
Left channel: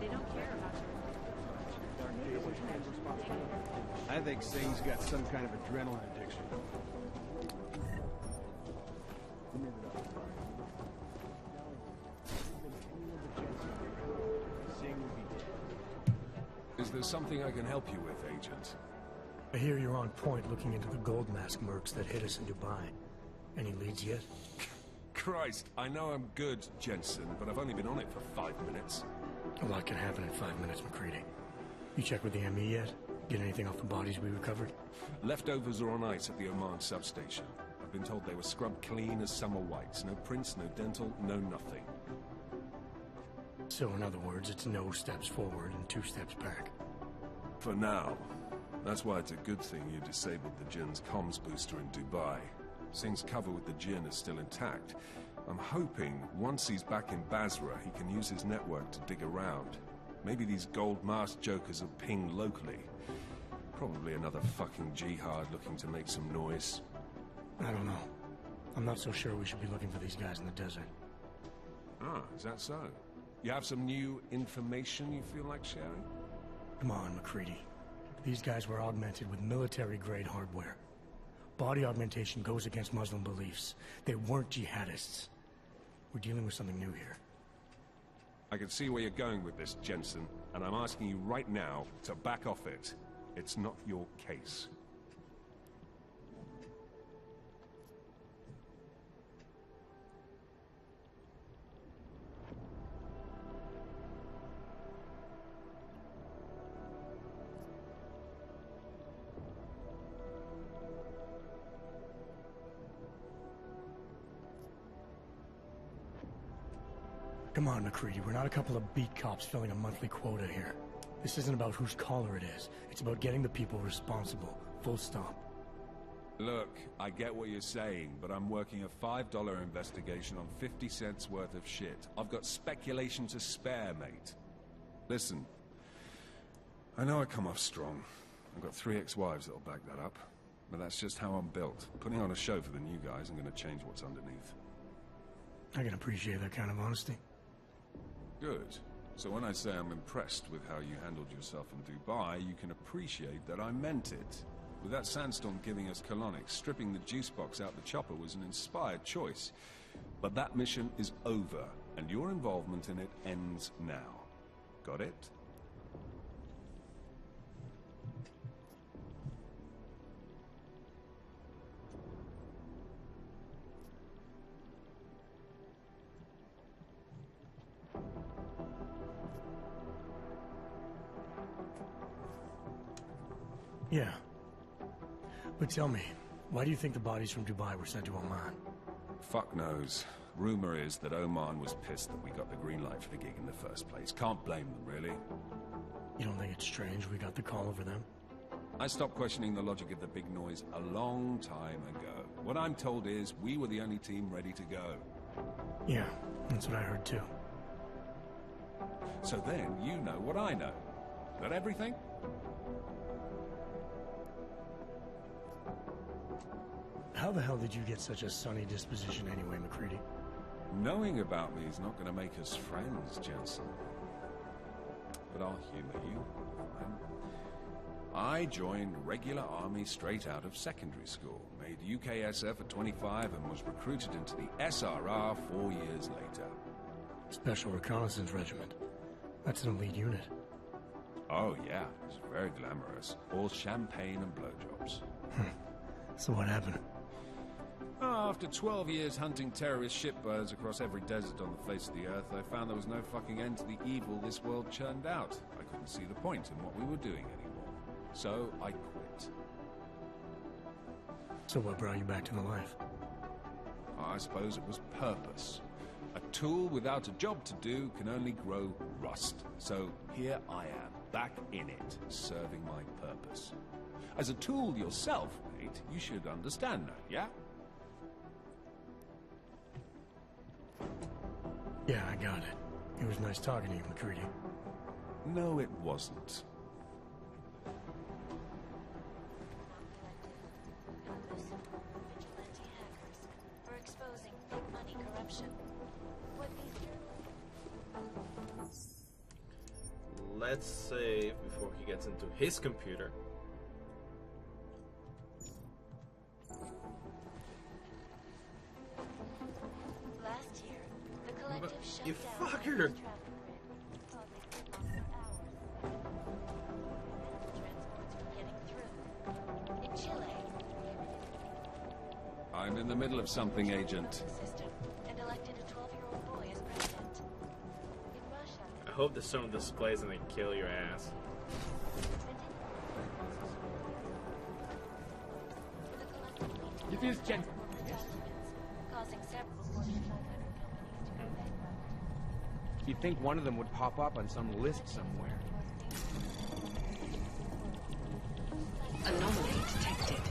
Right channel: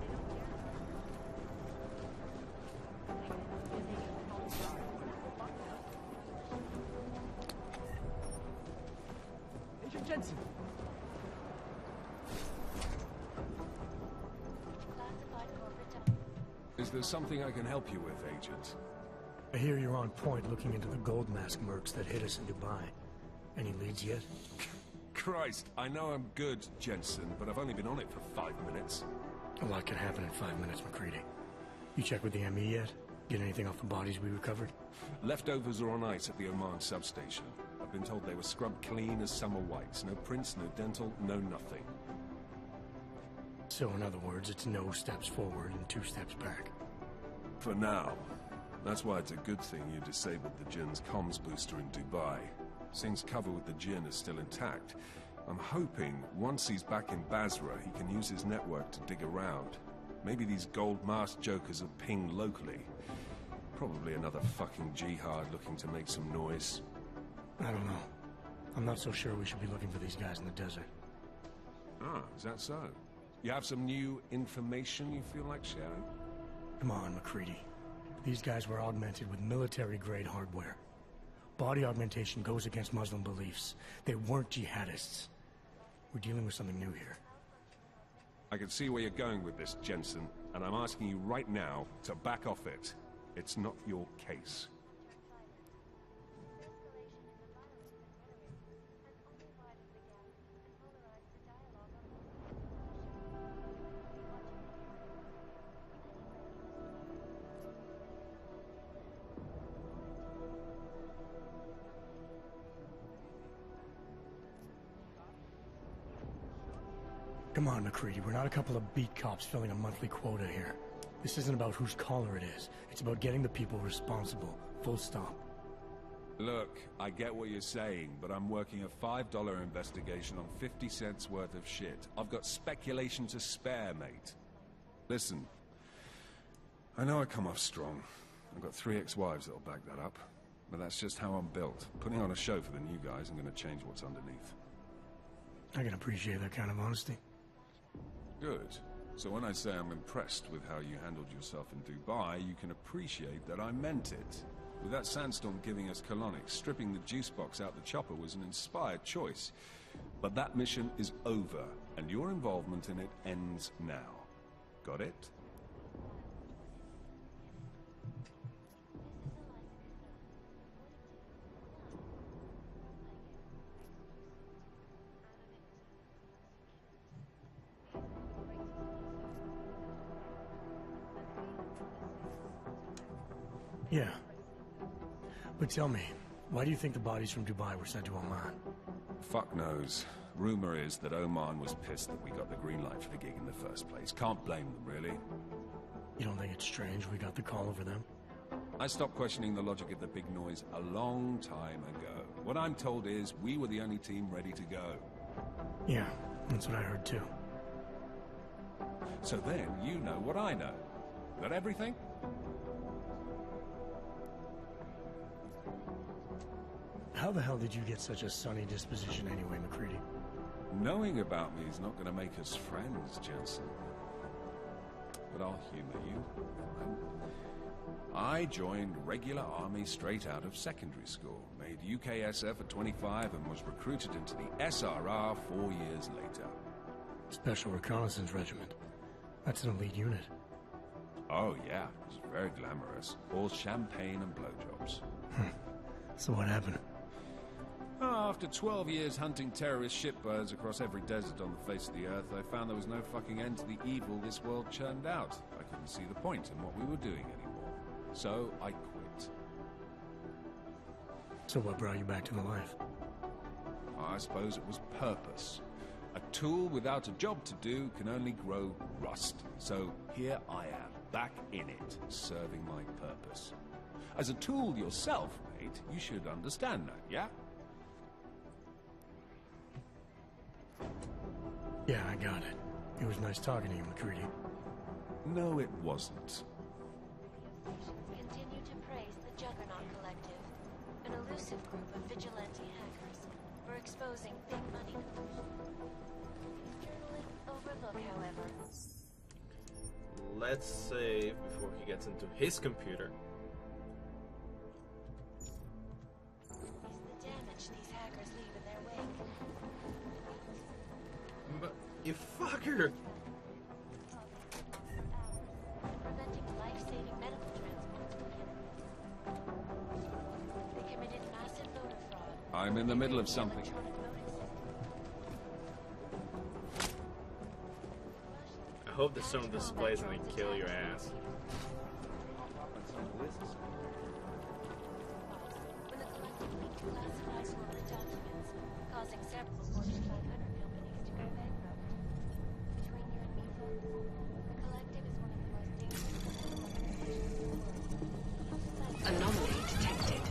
They don't care about your I think Sane's got some kind of adrenaline addiction. Agent Jensen. Is there something I can help you with, Agent? I hear you're on point looking into the gold mask mercs that hit us in Dubai. Any leads yet? Christ, I know I'm good, Jensen, but I've only been on it for 5 minutes. A lot can happen in 5 minutes, McCready. You checked with the ME yet? Get anything off the bodies we recovered? Leftovers are on ice at the Oman substation. I've been told they were scrubbed clean as summer whites. No prints, no dental, no nothing. So in other words, it's no steps forward and 2 steps back. For now. That's why it's a good thing you disabled the Jinn's comms booster in Dubai. Singh's cover with the Jinn is still intact. I'm hoping once he's back in Basra, he can use his network to dig around. Maybe these gold mask jokers will ping locally. Probably another fucking jihad looking to make some noise. I don't know. I'm not so sure we should be looking for these guys in the desert. Ah, is that so? You have some new information you feel like sharing? Come on, McCready. These guys were augmented with military-grade hardware. Body augmentation goes against Muslim beliefs. They weren't jihadists. We're dealing with something new here. I can see where you're going with this, Jensen, and I'm asking you right now to back off it. It's not your case. Come on, McCready. We're not a couple of beat cops filling a monthly quota here. This isn't about whose collar it is. It's about getting the people responsible. Full stop. Look, I get what you're saying, but I'm working a $5 investigation on 50 cents worth of shit. I've got speculation to spare, mate. Listen, I know I come off strong. I've got 3 ex-wives that'll back that up. But that's just how I'm built. Putting on a show for the new guys, I'm gonna change what's underneath. I can appreciate that kind of honesty. Good. So when I say I'm impressed with how you handled yourself in Dubai, you can appreciate that I meant it. With that sandstorm giving us colonics, stripping the juice box out the chopper was an inspired choice. But that mission is over, and your involvement in it ends now. Got it? Yeah. But tell me, why do you think the bodies from Dubai were sent to Oman? Fuck knows. Rumor is that Oman was pissed that we got the green light for the gig in the first place. Can't blame them, really. You don't think it's strange we got the call over them? I stopped questioning the logic of the big noise a long time ago. What I'm told is we were the only team ready to go. Yeah, that's what I heard too. So then you know what I know. That everything? How the hell did you get such a sunny disposition anyway, McCready? Knowing about me is not going to make us friends, Jensen. But I'll humor you. Fine. I joined regular army straight out of secondary school, made UKSF at 25 and was recruited into the SRR 4 years later. Special Reconnaissance Regiment. That's an elite unit. Oh yeah, it was very glamorous. All champagne and blowjobs. So what happened? After 12 years hunting terrorist shitbirds across every desert on the face of the earth, I found there was no fucking end to the evil this world churned out. I couldn't see the point in what we were doing anymore. So I quit. So what brought you back to the life? I suppose it was purpose. A tool without a job to do can only grow rust. So here I am, back in it, serving my purpose. As a tool yourself, mate, you should understand that, yeah? Yeah, I got it. It was nice talking to you, McCready. No, it wasn't. Continue to praise the Juggernaut Collective, an elusive group of vigilante hackers, for exposing big money corruption. What these journalists overlook, however... Let's save before he gets into his computer. But you fucker! I'm in the middle of something, Agent. I hope the sound displays and they kill your ass. It is Jensen. Causing several Fortune 500 companies to go bankrupt. You'd think one of them would pop up on some list somewhere. Anomaly detected.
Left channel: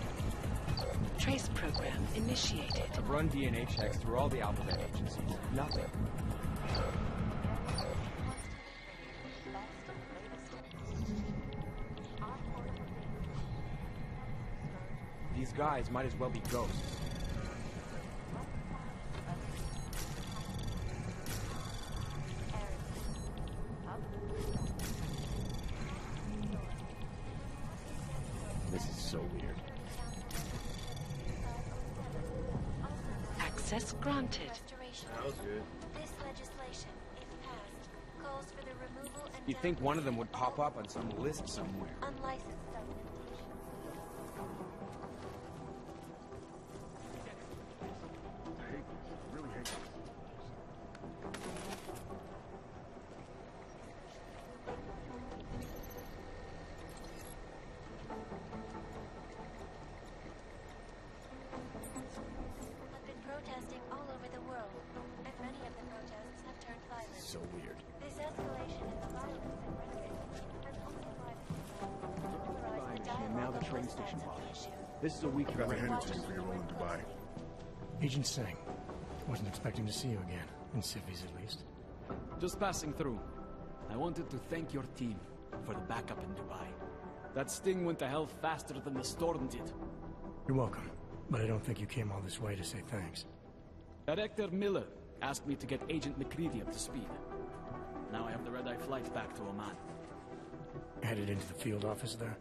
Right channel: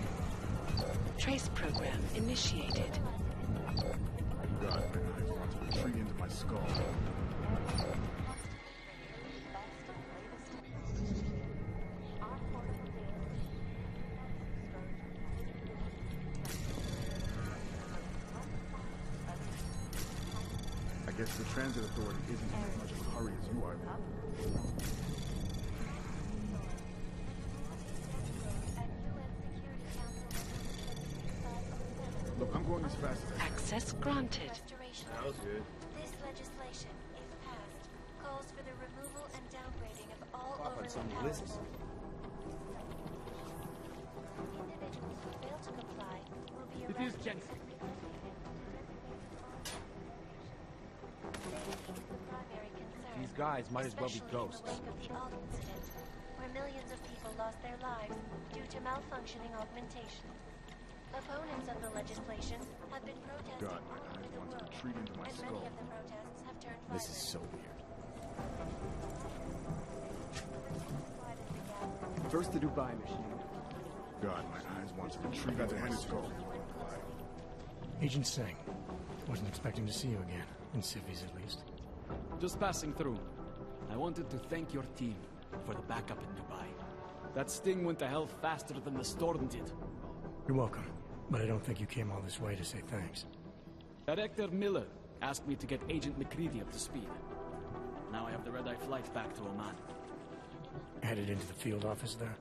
Trace program initiated. Run DNA checks through all the algorithms. Nothing in my skull. These guys might as well be ghosts. I guess Because the transit authority isn't as hurry as you are. This is so weird. Look, I'm going as fast as Access granted. That was good. This legislation, if passed, calls for the removal and You'd think one of them would pop up on some list somewhere. unlicensed subdivisions. Individuals who fail to comply will be It is Jensen. These guys might as well be ghosts. where millions of people lost their lives due to malfunctioning augmentation. Opponents of the legislation have been protesting all over the world, and many of the protests have turned violent. This is so weird. This escalation in the violence and renovations has only widened the gap. First the Dubai mission, and now the train station. Guys, This is a week. you got to hand it to you for your role in Dubai. Agent Singh. Wasn't expecting to see you again. In civvies, at least. Just passing through. I wanted to thank your team for the backup in Dubai. That sting went to hell faster than the storm did. You're welcome. But I don't think you came all this way to say thanks. Director Miller asked me to get Agent McCready up to speed. Now I have the red-eye flight back to Oman. Headed into the field office there?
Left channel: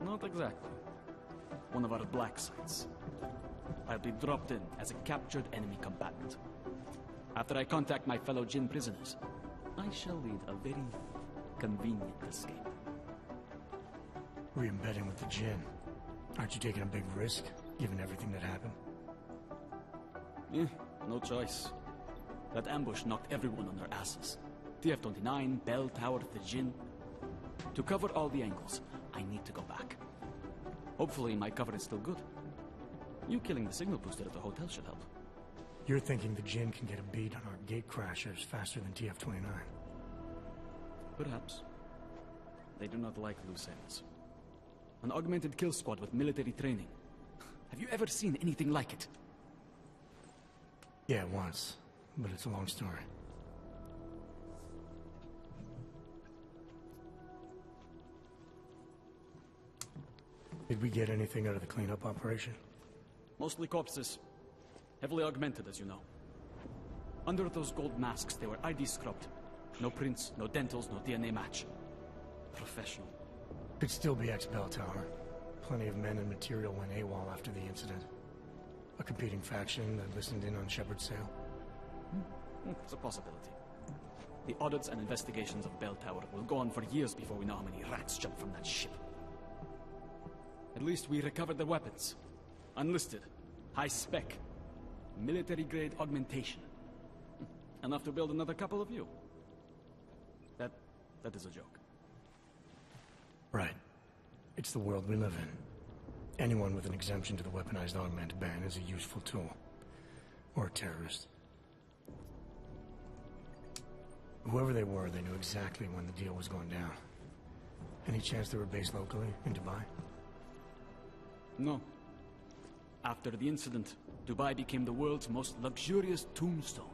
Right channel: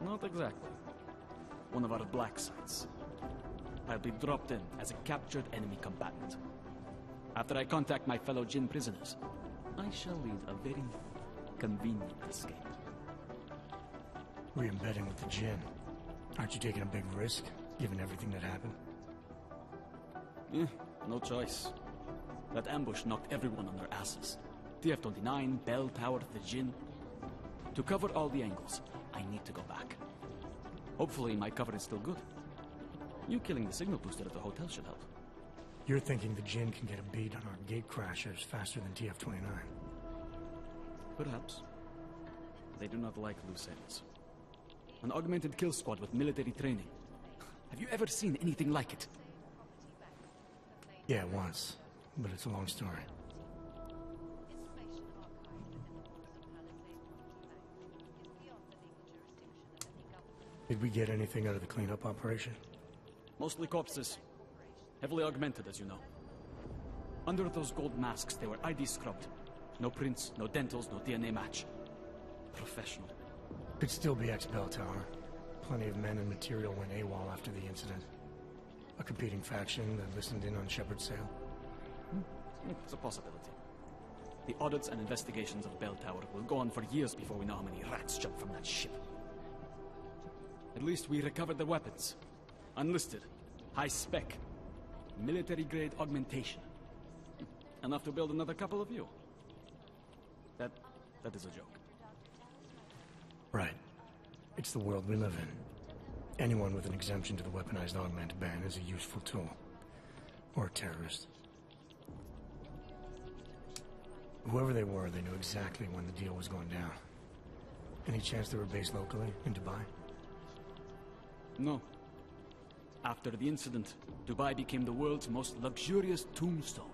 Not exactly. One of our black sites. I'll be dropped in as a captured enemy combatant. After I contact my fellow Jinn prisoners, I shall lead a very convenient escape. Re-embedding with the Jinn. Aren't you taking a big risk, given everything that happened? No choice. That ambush knocked everyone on their asses. TF-29, Bell Tower, the Jinn. To cover all the angles, I need to go back. Hopefully my cover is still good. You killing the signal booster at the hotel should help. You're thinking the Jinn can get a beat on our gate crashers faster than TF-29? Perhaps. They do not like loose ends. An augmented kill squad with military training. Have you ever seen anything like it? Yeah, once. But it's a long story. Did we get anything out of the cleanup operation? Mostly corpses. Heavily augmented, as you know. Under those gold masks, they were ID scrubbed. No prints, no dentals, no DNA match. Professional. Could still be ex-Bell Tower. Plenty of men and material went AWOL after the incident. A competing faction that listened in on Shepard's sale. It's a possibility. The audits and investigations of Bell Tower will go on for years before we know how many rats jumped from that ship. At least we recovered the weapons. Unlisted. High spec. Military-grade augmentation. Enough to build another couple of you. That is a joke. Right. It's the world we live in. Anyone with an exemption to the weaponized augment ban is a useful tool. Or a terrorist. Whoever they were, they knew exactly when the deal was going down. Any chance they were based locally, in Dubai? No. After the incident, Dubai became the world's most luxurious tombstone.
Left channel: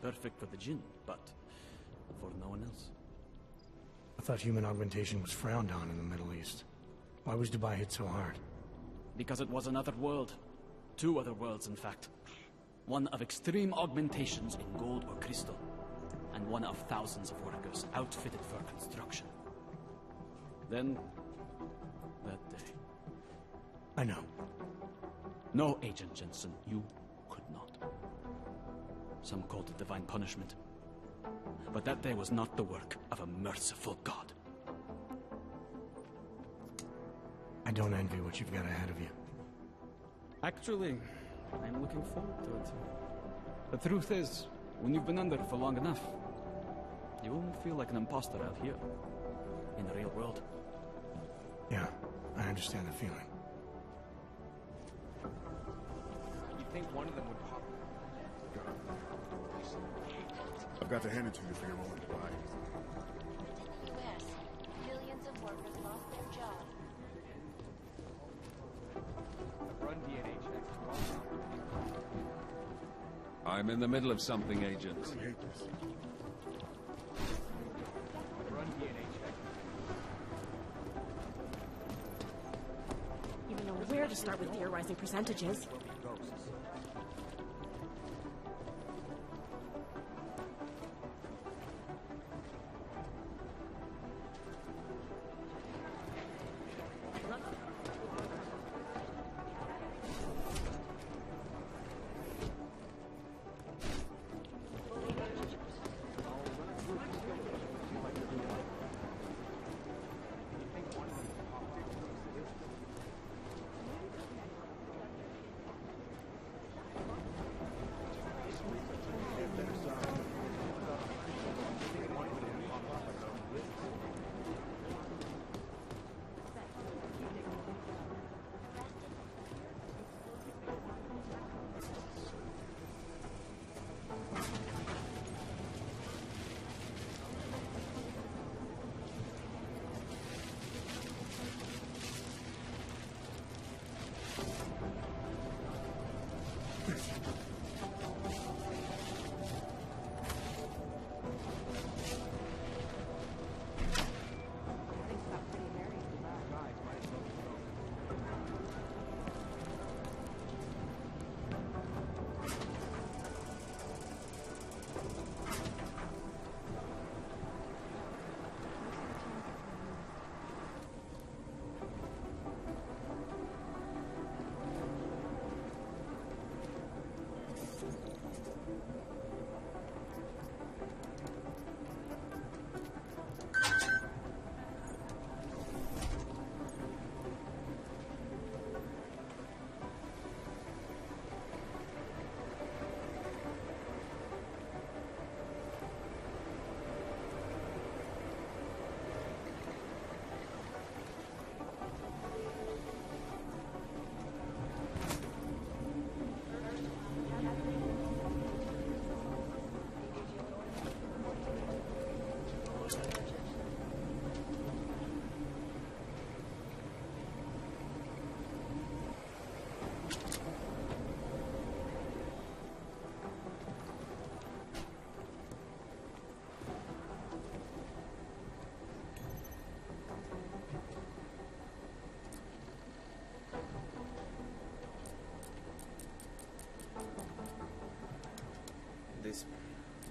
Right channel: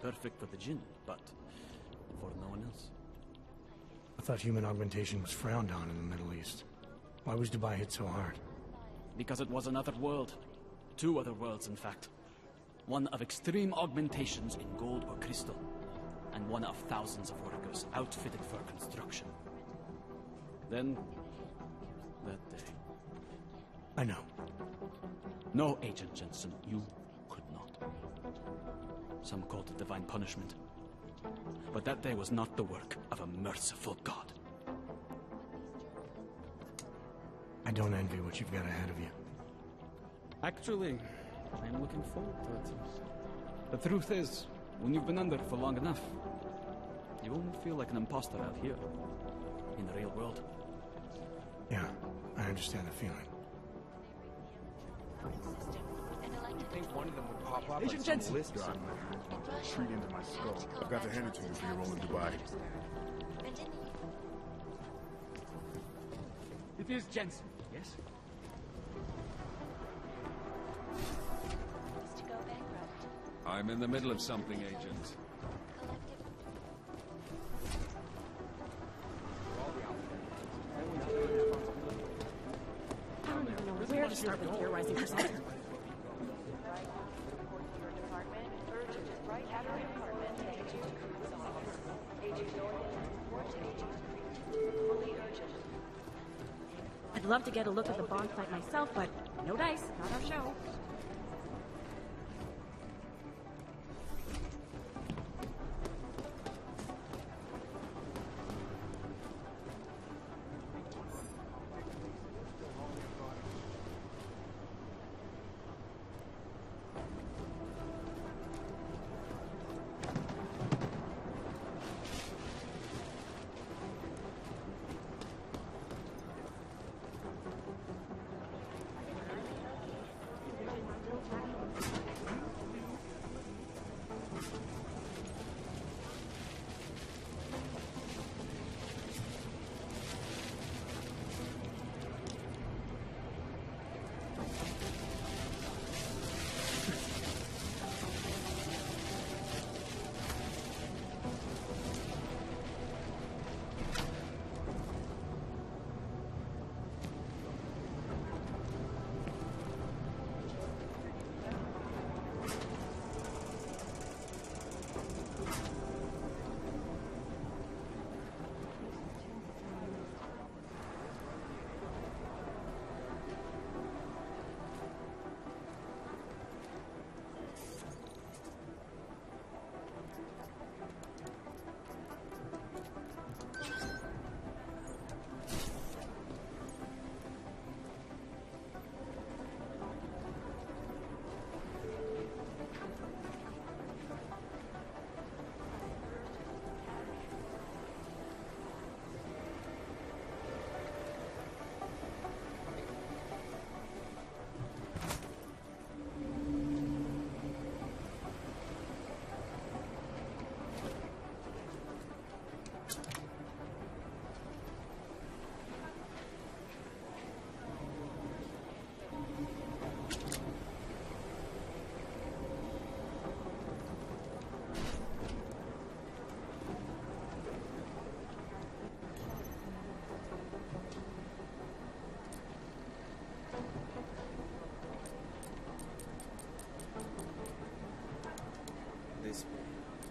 Perfect for the Jinn, but for no one else. I thought human augmentation was frowned on in the Middle East. Why was Dubai hit so hard? Because it was another world. Two other worlds, in fact. One of extreme augmentations in gold or crystal, and one of thousands of workers outfitted for construction. Then, that day. I know. No, Agent Jensen, you could not. Some called it divine punishment. But that day was not the work of a merciful God. I don't envy what you've got ahead of you. Actually, I'm looking forward to it. The truth is, when you've been under for long enough, you won't feel like an imposter out here, in the real world. Yeah, I understand the feeling. You'd think one of them would pop up on some list or something. I've got to hand it to you for your role in Dubai. It is Jensen, yes? Run DNA check. I'm in the middle of something, Agent. I don't even know where to start with theorizing percentages. love to get a look at the Bond fight myself, but no dice, not our show.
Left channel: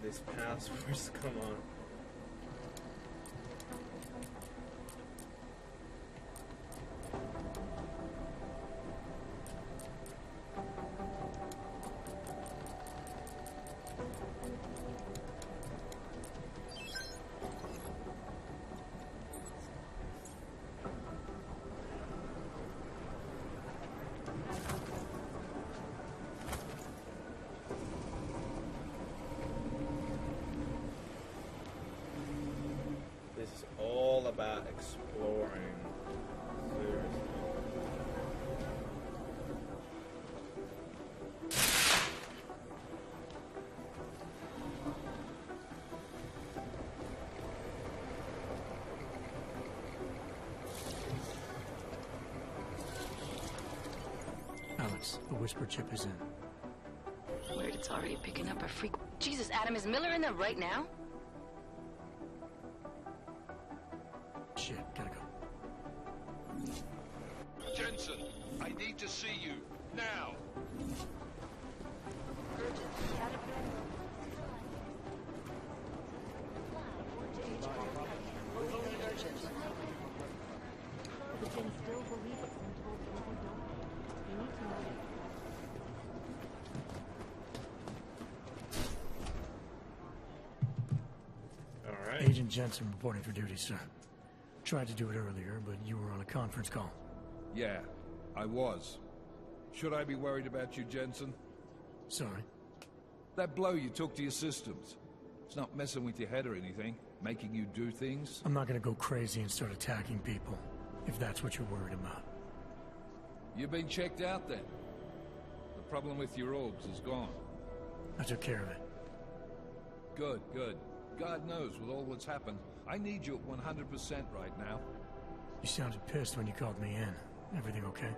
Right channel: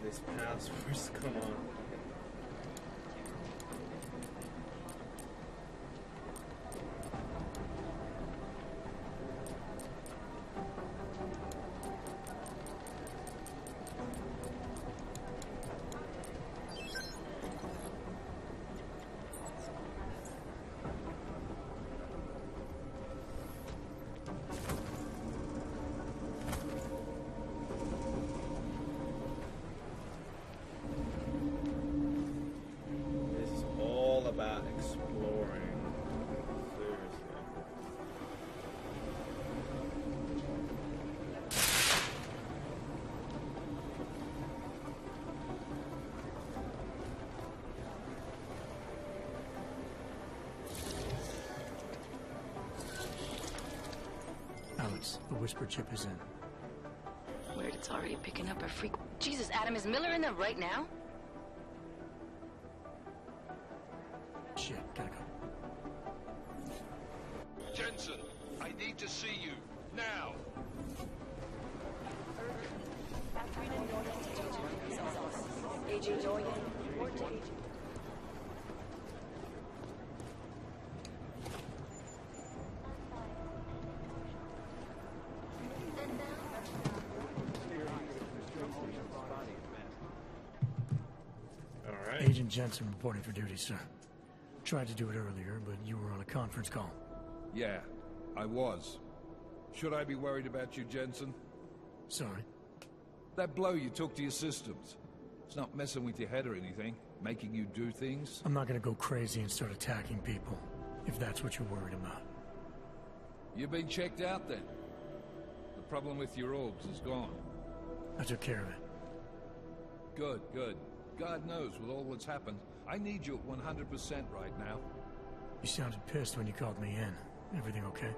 This passwords, come on. About exploring. Seriously. Alex, the whisper chip is in. Weird, it's already picking up a freak. Jesus, Adam, is Miller in there right now? Shit, gotta go. Jensen, I need to see you, now! Agent Jensen reporting for duty, sir. Tried to do it earlier, but you were on a conference call. Yeah, I was. Should I be worried about you, Jensen? Sorry? That blow you took to your systems. It's not messing with your head or anything, making you do things? I'm not gonna go crazy and start attacking people, if that's what you're worried about. You've been checked out then? The problem with your orbs is gone. I took care of it. Good, good. God knows, with all that's happened, I need you at 100% right now. You sounded pissed when you called me in. Everything okay?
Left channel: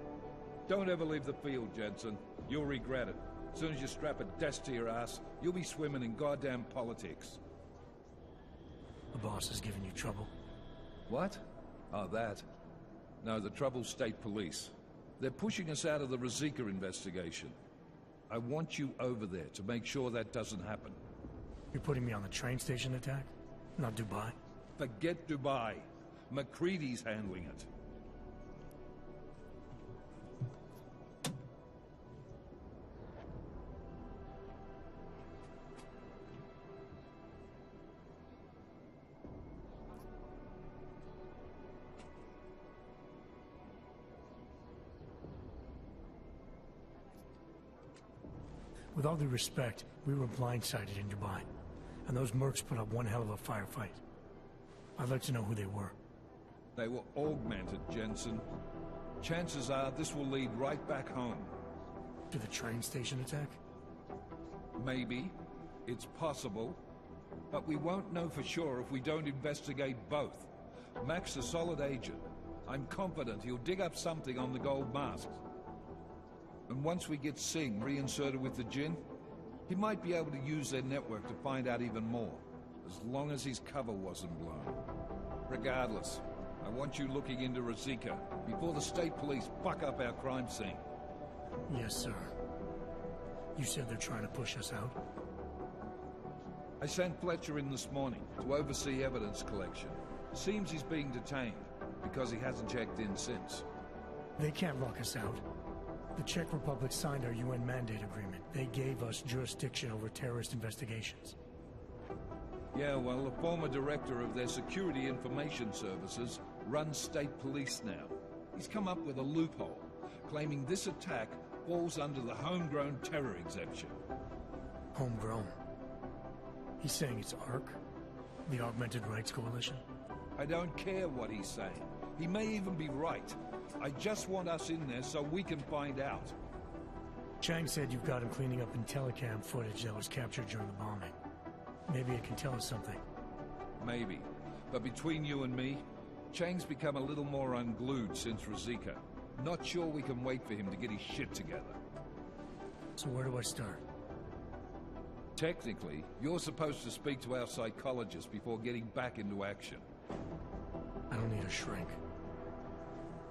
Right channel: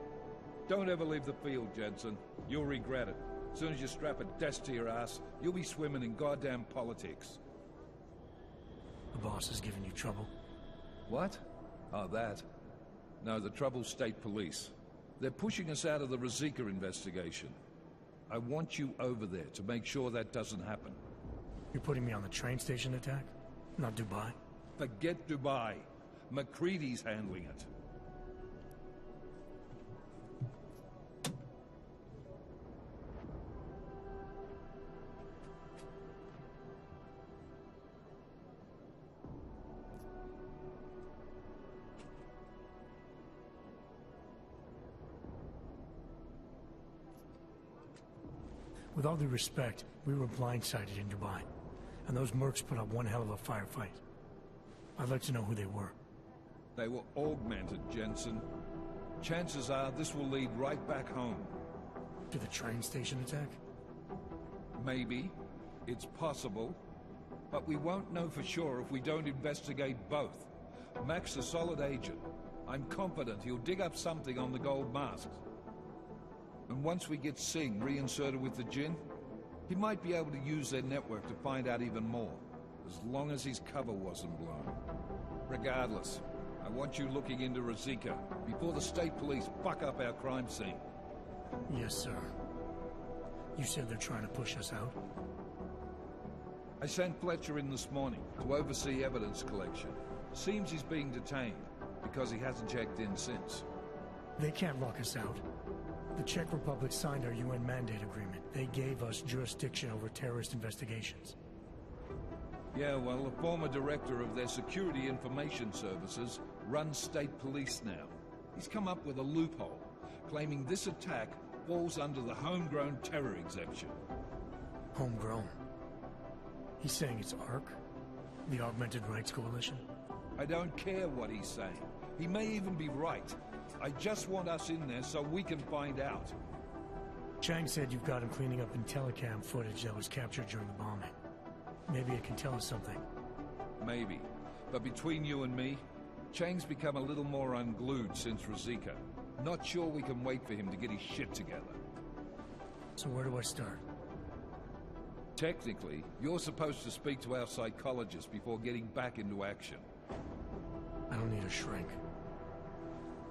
Don't ever leave the field, Jensen. You'll regret it. As soon as you strap a desk to your ass, you'll be swimming in goddamn politics. The boss is giving you trouble? What? Oh, that. No, the trouble's state police. They're pushing us out of the Rosika investigation. I want you over there to make sure that doesn't happen. You're putting me on the train station attack? Not Dubai? Forget Dubai. McCready's handling it. With all due respect, we were blindsided in Dubai, and those mercs put up one hell of a firefight. I'd like to know who they were. They were augmented, Jensen. Chances are this will lead right back home. To the train station attack? Maybe. It's possible. But we won't know for sure if we don't investigate both. Mac's a solid agent. I'm confident he'll dig up something on the gold masks. And once we get Singh reinserted with the Jinn, he might be able to use their network to find out even more, as long as his cover wasn't blown. Regardless, I want you looking into Ruzicka before the state police fuck up our crime scene. Yes, sir. You said they're trying to push us out? I sent Fletcher in this morning to oversee evidence collection. Seems he's being detained, because he hasn't checked in since. They can't lock us out. The Czech Republic signed our UN mandate agreement. They gave us jurisdiction over terrorist investigations. Yeah, well, the former director of their security information services runs state police now. He's come up with a loophole, claiming this attack falls under the homegrown terror exemption. Homegrown? He's saying it's ARC? The Augmented Rights Coalition? I don't care what he's saying. He may even be right. I just want us in there so we can find out. Chang said you've got him cleaning up Intellicam footage that was captured during the bombing. Maybe it can tell us something. Maybe. But between you and me, Chang's become a little more unglued since Ruzicka. Not sure we can wait for him to get his shit together. So where do I start? Technically, you're supposed to speak to our psychologist before getting back into action. I don't need a shrink.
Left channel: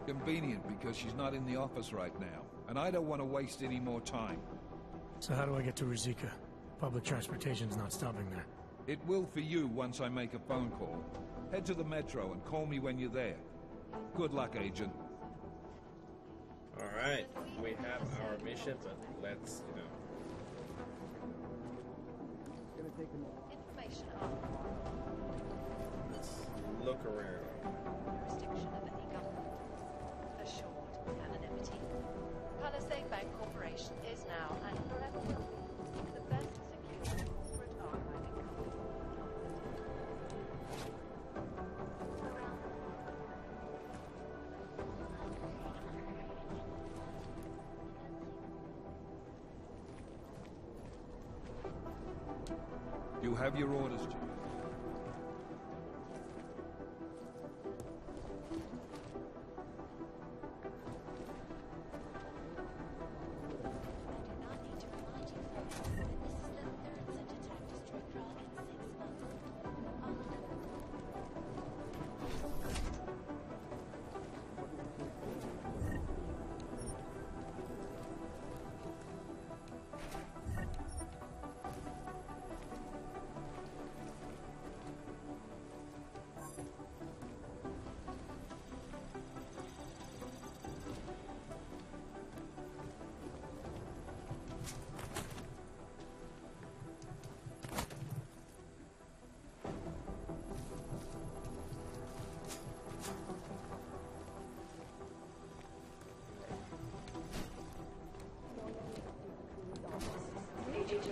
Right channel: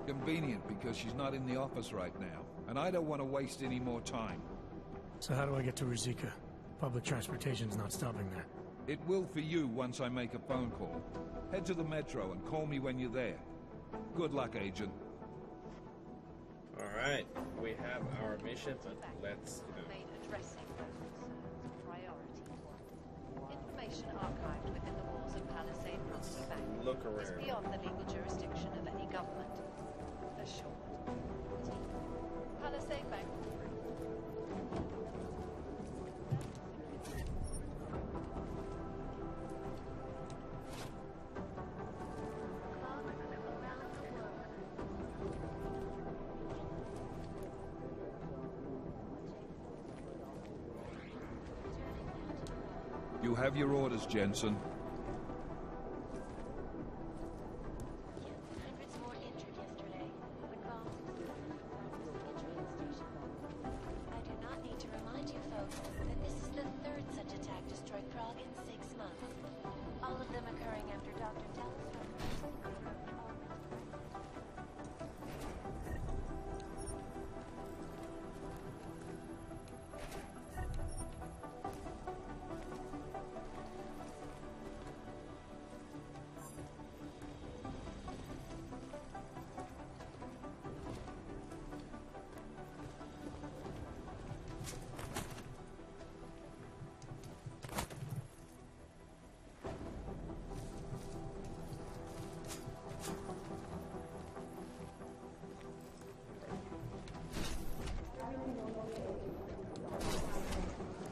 Convenient, because she's not in the office right now, and I don't want to waste any more time. So how do I get to Ruzicka? Public transportation's not stopping there. It will for you once I make a phone call. Head to the metro and call me when you're there. Good luck, Agent. Alright, we have our mission, but let's, Information archived within the walls of Palisade let's look around. beyond the legal jurisdiction of any government. Assured anonymity. Palisade Bank Corporation is now and forever the best secure corporate archiving. You have your orders, Jensen.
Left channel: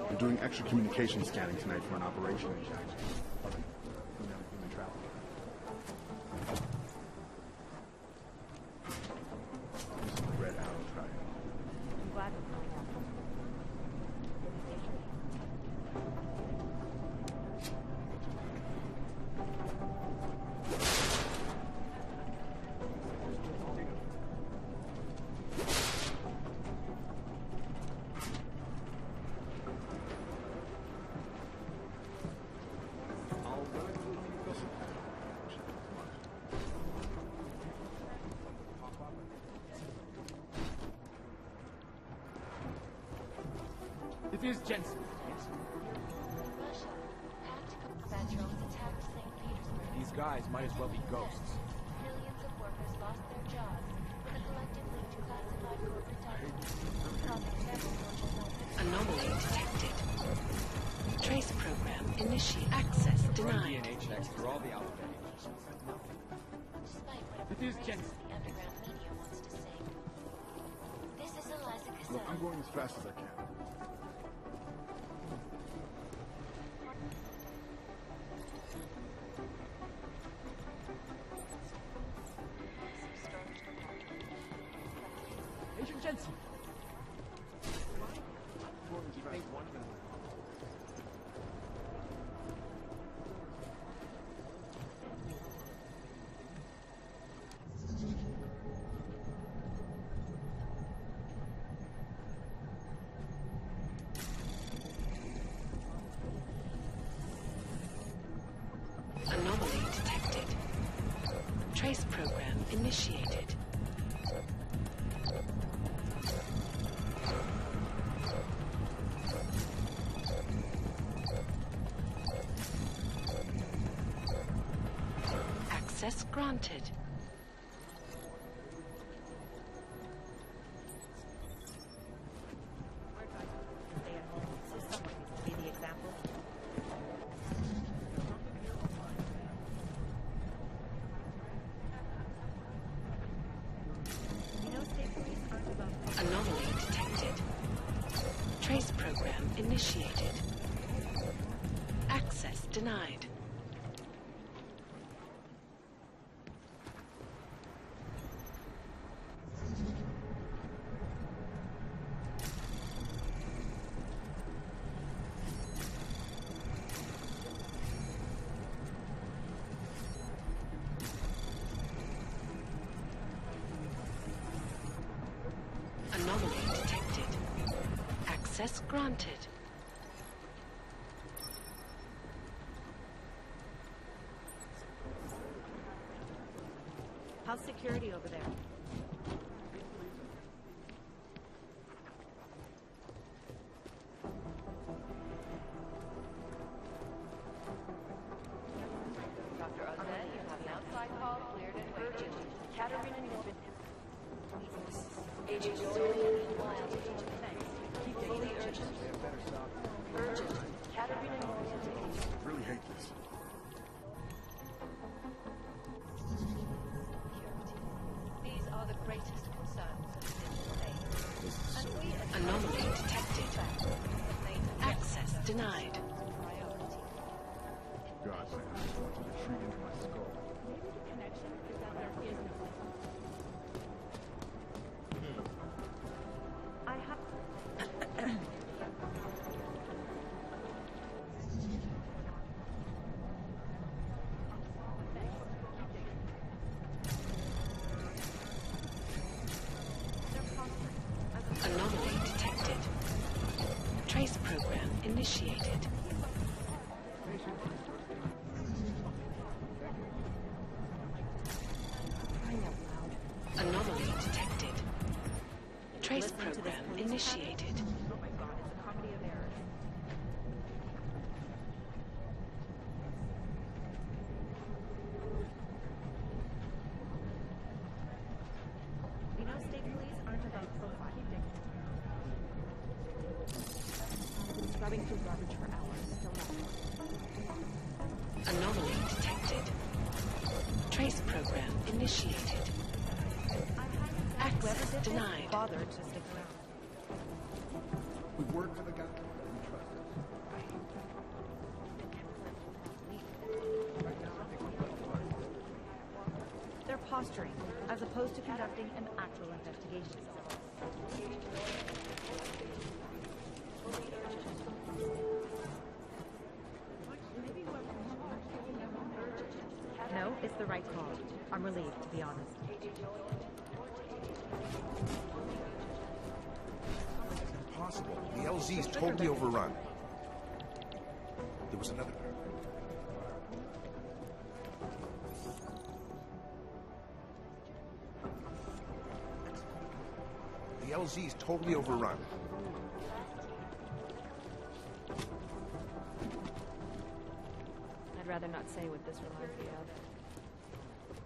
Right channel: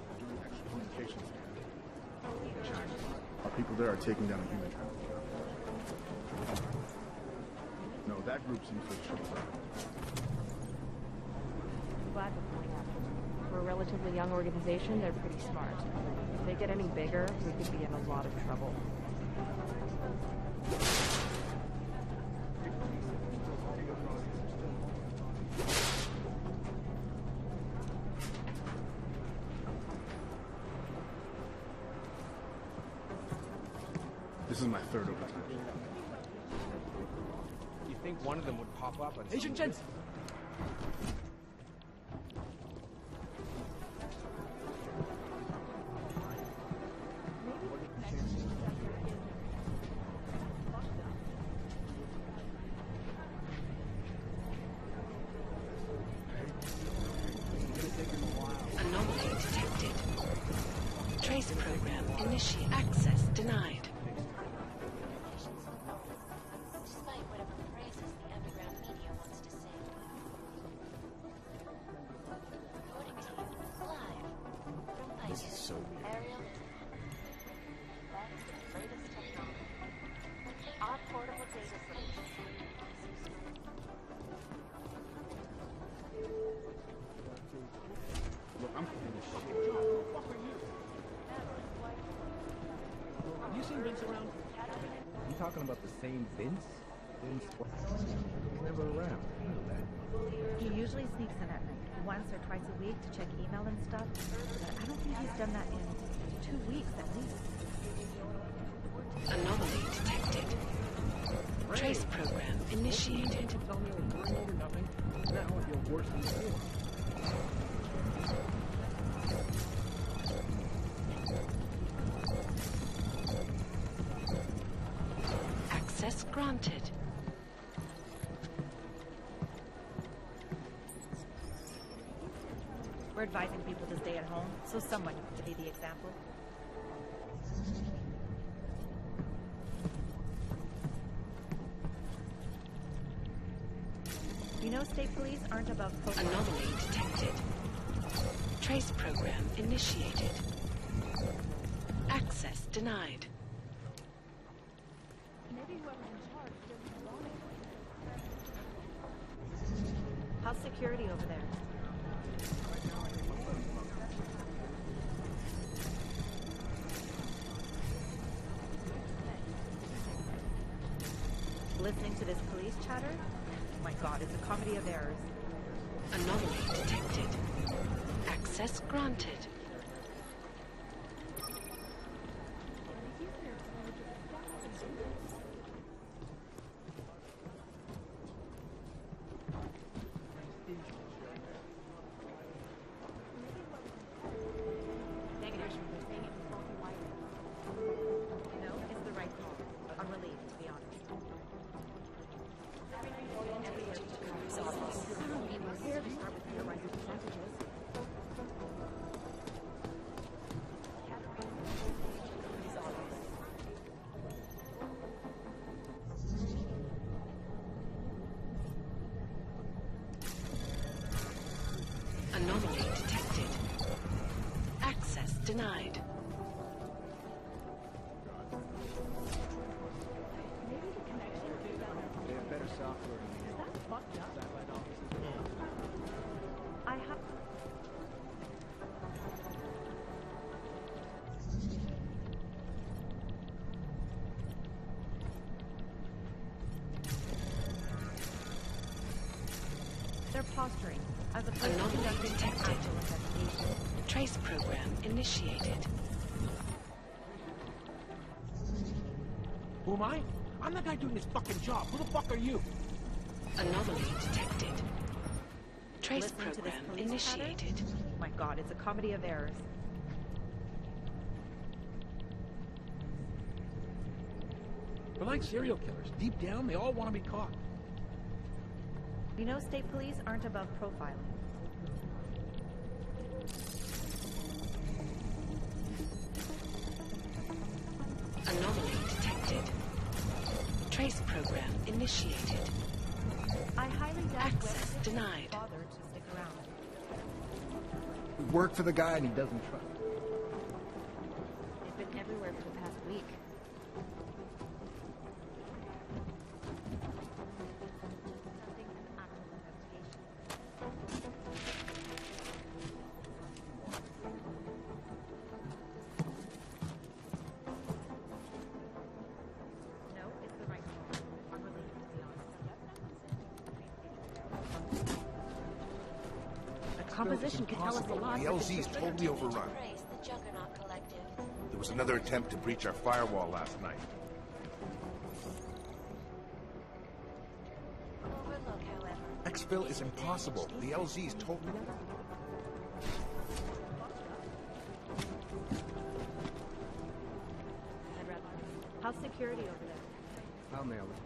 We're doing extra communication scanning tonight for an operation in China. Our people there are taking down a human trafficker. No, that group seems to have red out of track. I'm glad we're going after them. For a relatively young organization, they're pretty smart. If they get any bigger, we could be in a lot of trouble. This is my third operation. You think one of them would pop up on... Agent Jensen! It is Jensen. These guys might as well be ghosts. Anomaly detected. Trace program initiate. Access denied. Despite whatever phrases the underground media wants to say. This is Eliza Cassell. I'm going as fast as I can. This is so You seen Vince around? You talking about the same Vince? Never around. He usually sneaks in at once or twice a week to check email and stuff. I don't think he's done that in 2 weeks at least. Anomaly detected. Trace program initiated. Access granted. We're advising people to stay at home, so someone needs to be the example. You know, state police aren't above profiling. Anomaly detected. Trace program initiated. Access denied. How's security over there? Listening to this police chatter? Oh my god, it's a comedy of errors. Anomaly detected. Access granted. How's security over there? I'm relieved, to be honest. Anomaly detected. Access denied. God, Maybe the connection is that I have... They're posturing. As a Anomaly detected. Trace program initiated. Who am I? I'm the guy doing this fucking job. Who the fuck are you? Anomaly detected. Trace Listening to this program police initiated. chatter? Oh my god, it's a comedy of errors. They're like serial killers. Deep down, they all want to be caught. You know, state police aren't above profiling. Anomaly detected. Trace program initiated. I highly doubt Access whoever did denied. this bothered to stick around. We work for the guy and he doesn't trust us. They've been everywhere for the past week. They're posturing, as opposed to conducting an actual investigation. No, it's the right call. I'm relieved, to be honest. The composition It's impossible. The LZ is totally overrun. There was another attempt to breach our firewall last night. Exfil is impossible. The LZ is totally overrun. I'd rather not say with... How's security over there? I'll nail it.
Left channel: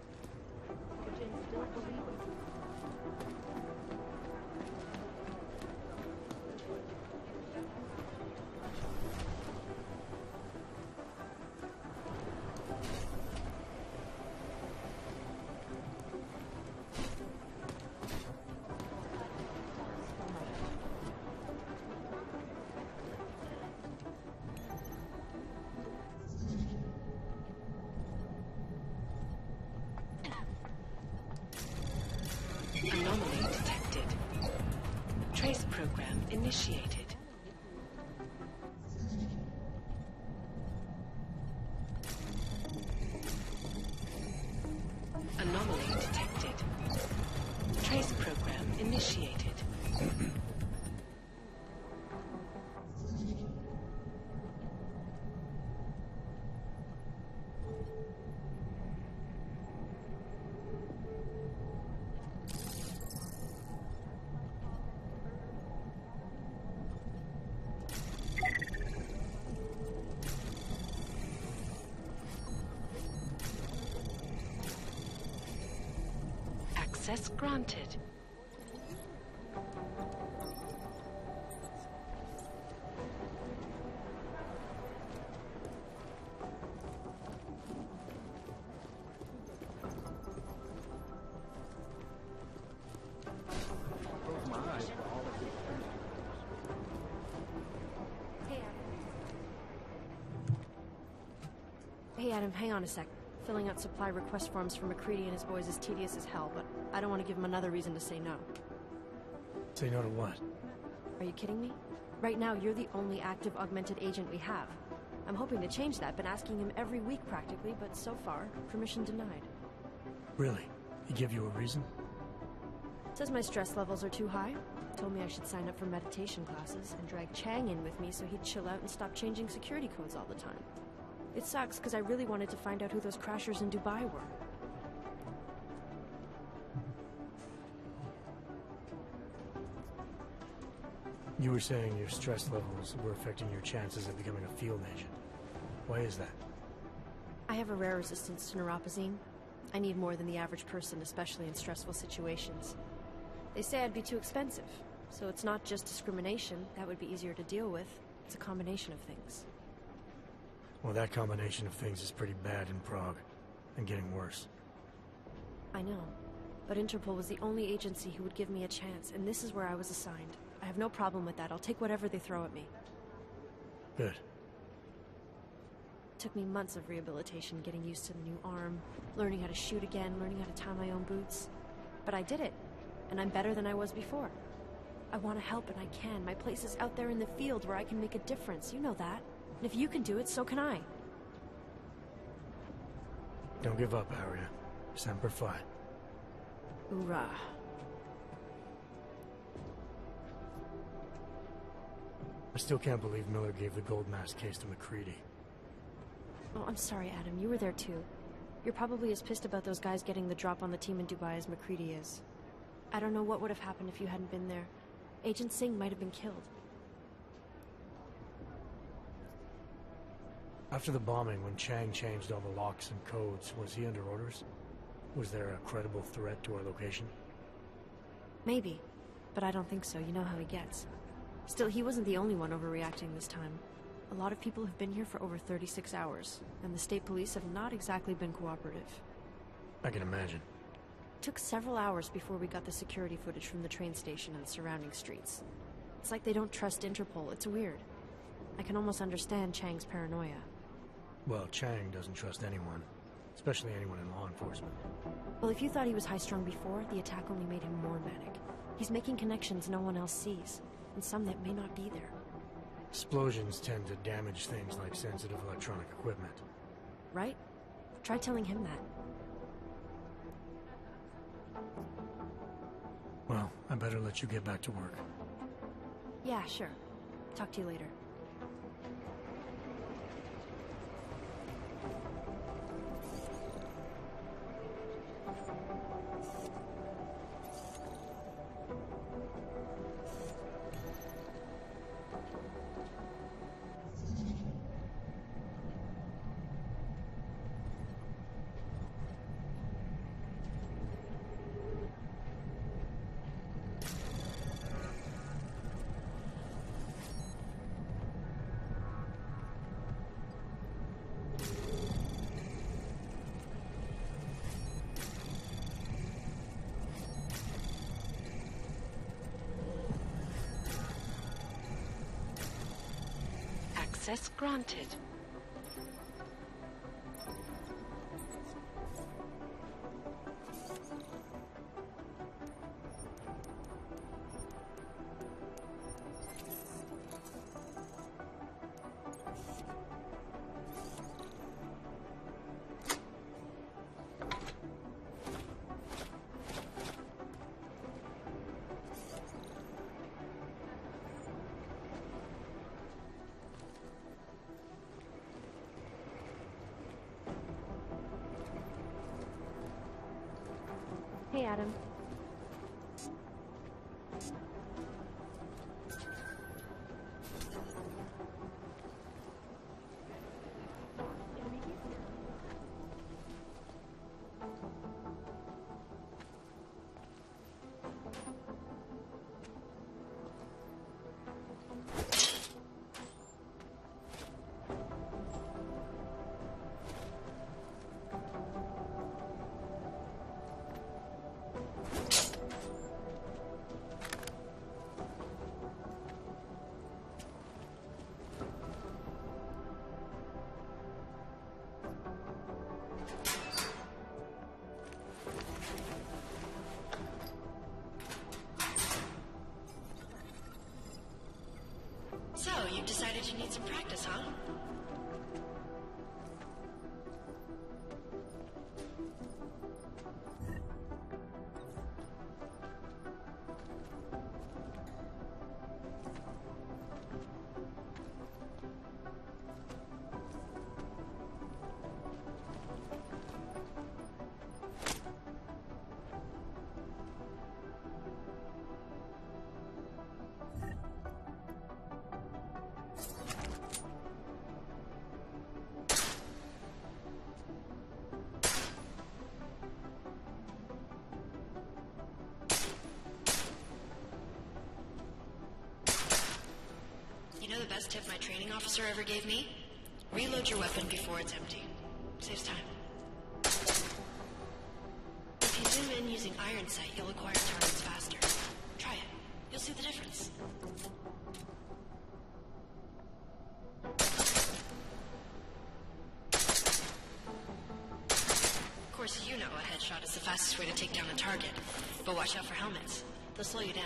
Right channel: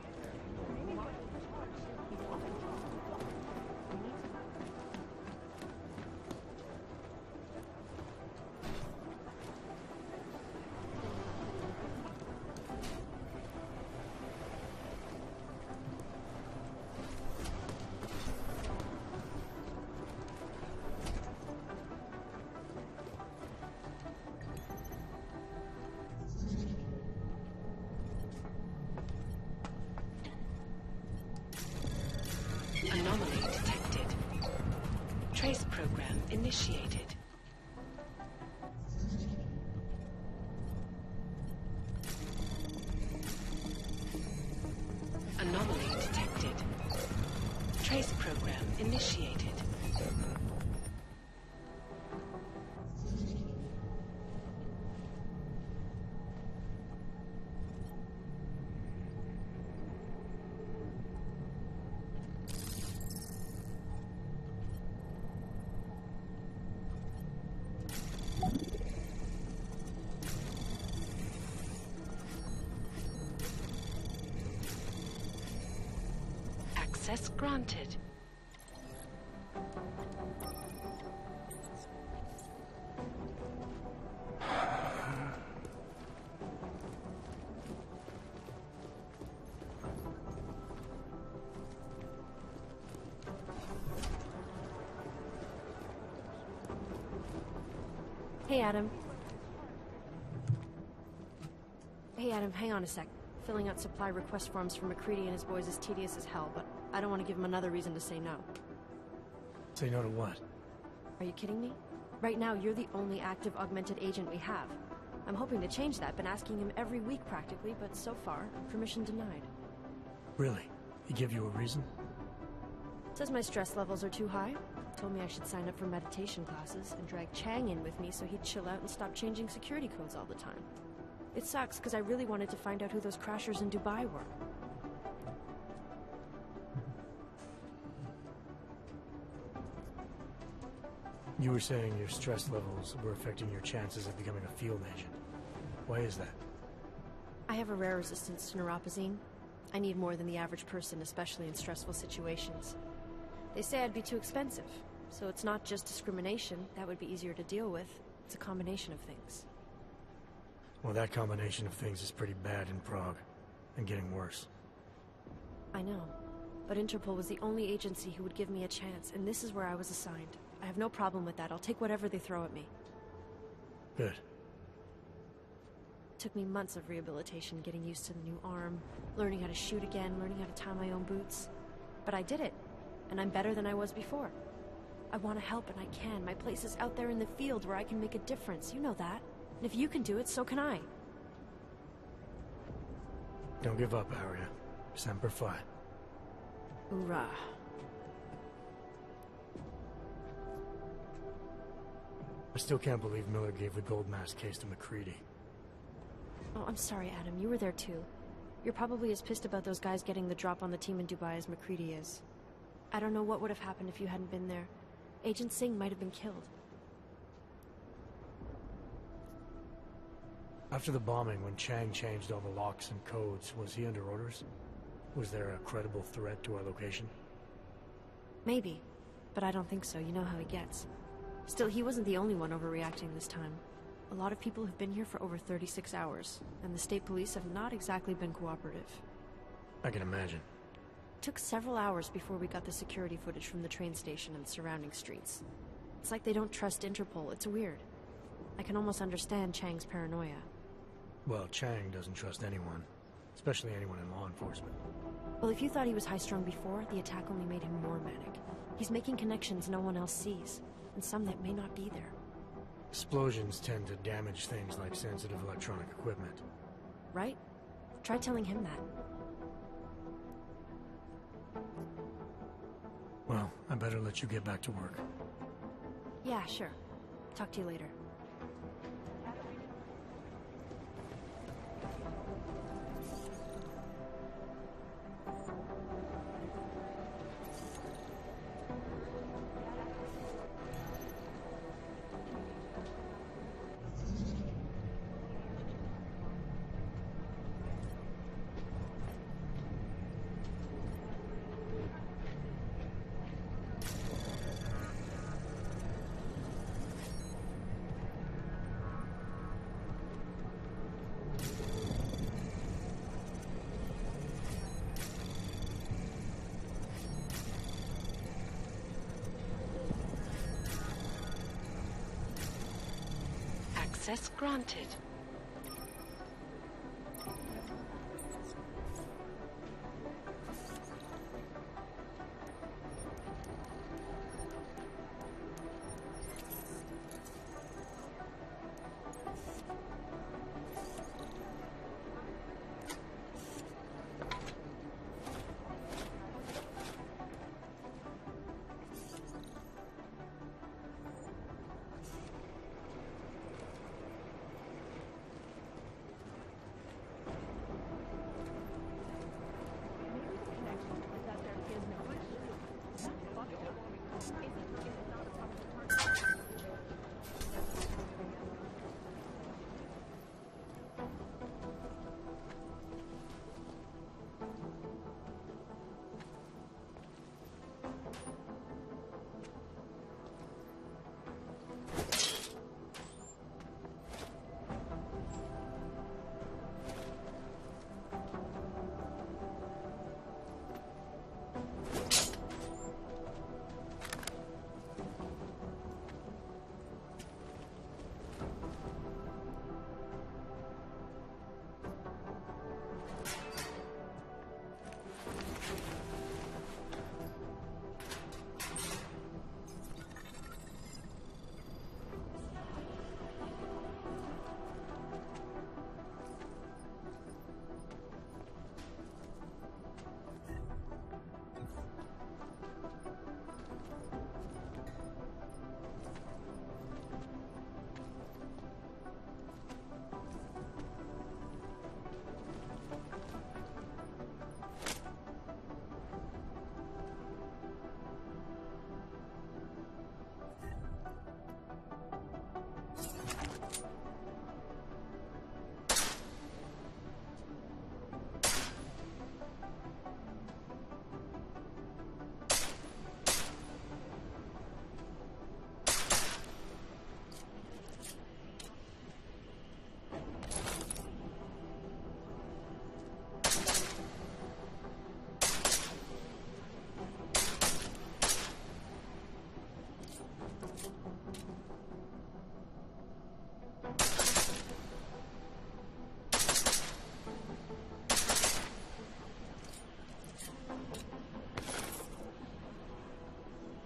program initiated. Anomaly detected. Trace program initiated. Access granted. Hey, Adam. Hey, Adam, hang on a sec. Filling out supply request forms for McCready and his boys is tedious as hell, but I don't want to give him another reason to say no. Say no to what? Are you kidding me? Right now, you're the only active augmented agent we have. I'm hoping to change that, been asking him every week practically, but so far, permission denied. Really? He give you a reason? Says my stress levels are too high. Told me I should sign up for meditation classes and drag Chang in with me so he'd chill out and stop changing security codes all the time. It sucks because I really wanted to find out who those crashers in Dubai were. You were saying your stress levels were affecting your chances of becoming a field agent. Why is that? I have a rare resistance to neuropazine. I need more than the average person, especially in stressful situations. They say I'd be too expensive, so it's not just discrimination. That would be easier to deal with. It's a combination of things. Well, that combination of things is pretty bad in Prague, and getting worse. I know, but Interpol was the only agency who would give me a chance, and this is where I was assigned. I have no problem with that. I'll take whatever they throw at me. Good. Took me months of rehabilitation, getting used to the new arm, learning how to shoot again, learning how to tie my own boots. But I did it, and I'm better than I was before. I want to help, and I can. My place is out there in the field where I can make a difference. You know that. And if you can do it, so can I. Don't give up, Aria. Semper Fi. Hoorah. I still can't believe Miller gave the gold mask case to McCready. Oh, I'm sorry, Adam. You were there too. You're probably as pissed about those guys getting the drop on the team in Dubai as McCready is. I don't know what would have happened if you hadn't been there. Agent Singh might have been killed. After the bombing, when Chang changed all the locks and codes, was he under orders? Was there a credible threat to our location? Maybe, but I don't think so. You know how he gets. Still, he wasn't the only one overreacting this time. A lot of people have been here for over 36 hours, and the state police have not exactly been cooperative. I can imagine. It took several hours before we got the security footage from the train station and the surrounding streets. It's like they don't trust Interpol. It's weird. I can almost understand Chang's paranoia. Well, Chang doesn't trust anyone, especially anyone in law enforcement. Well, if you thought he was high-strung before, the attack only made him more manic. He's making connections no one else sees, and some that may not be there. Explosions tend to damage things like sensitive electronic equipment. Right? Try telling him that. Well, I better let you get back to work. Yeah, sure. Talk to you later. Access granted. officer ever gave me? Reload your weapon before it's empty. Saves time. If you zoom in using iron sight, you'll acquire targets faster. Try it. You'll see the difference. Of course, you know a headshot is the fastest way to take down a target. But watch out for helmets. They'll slow you down.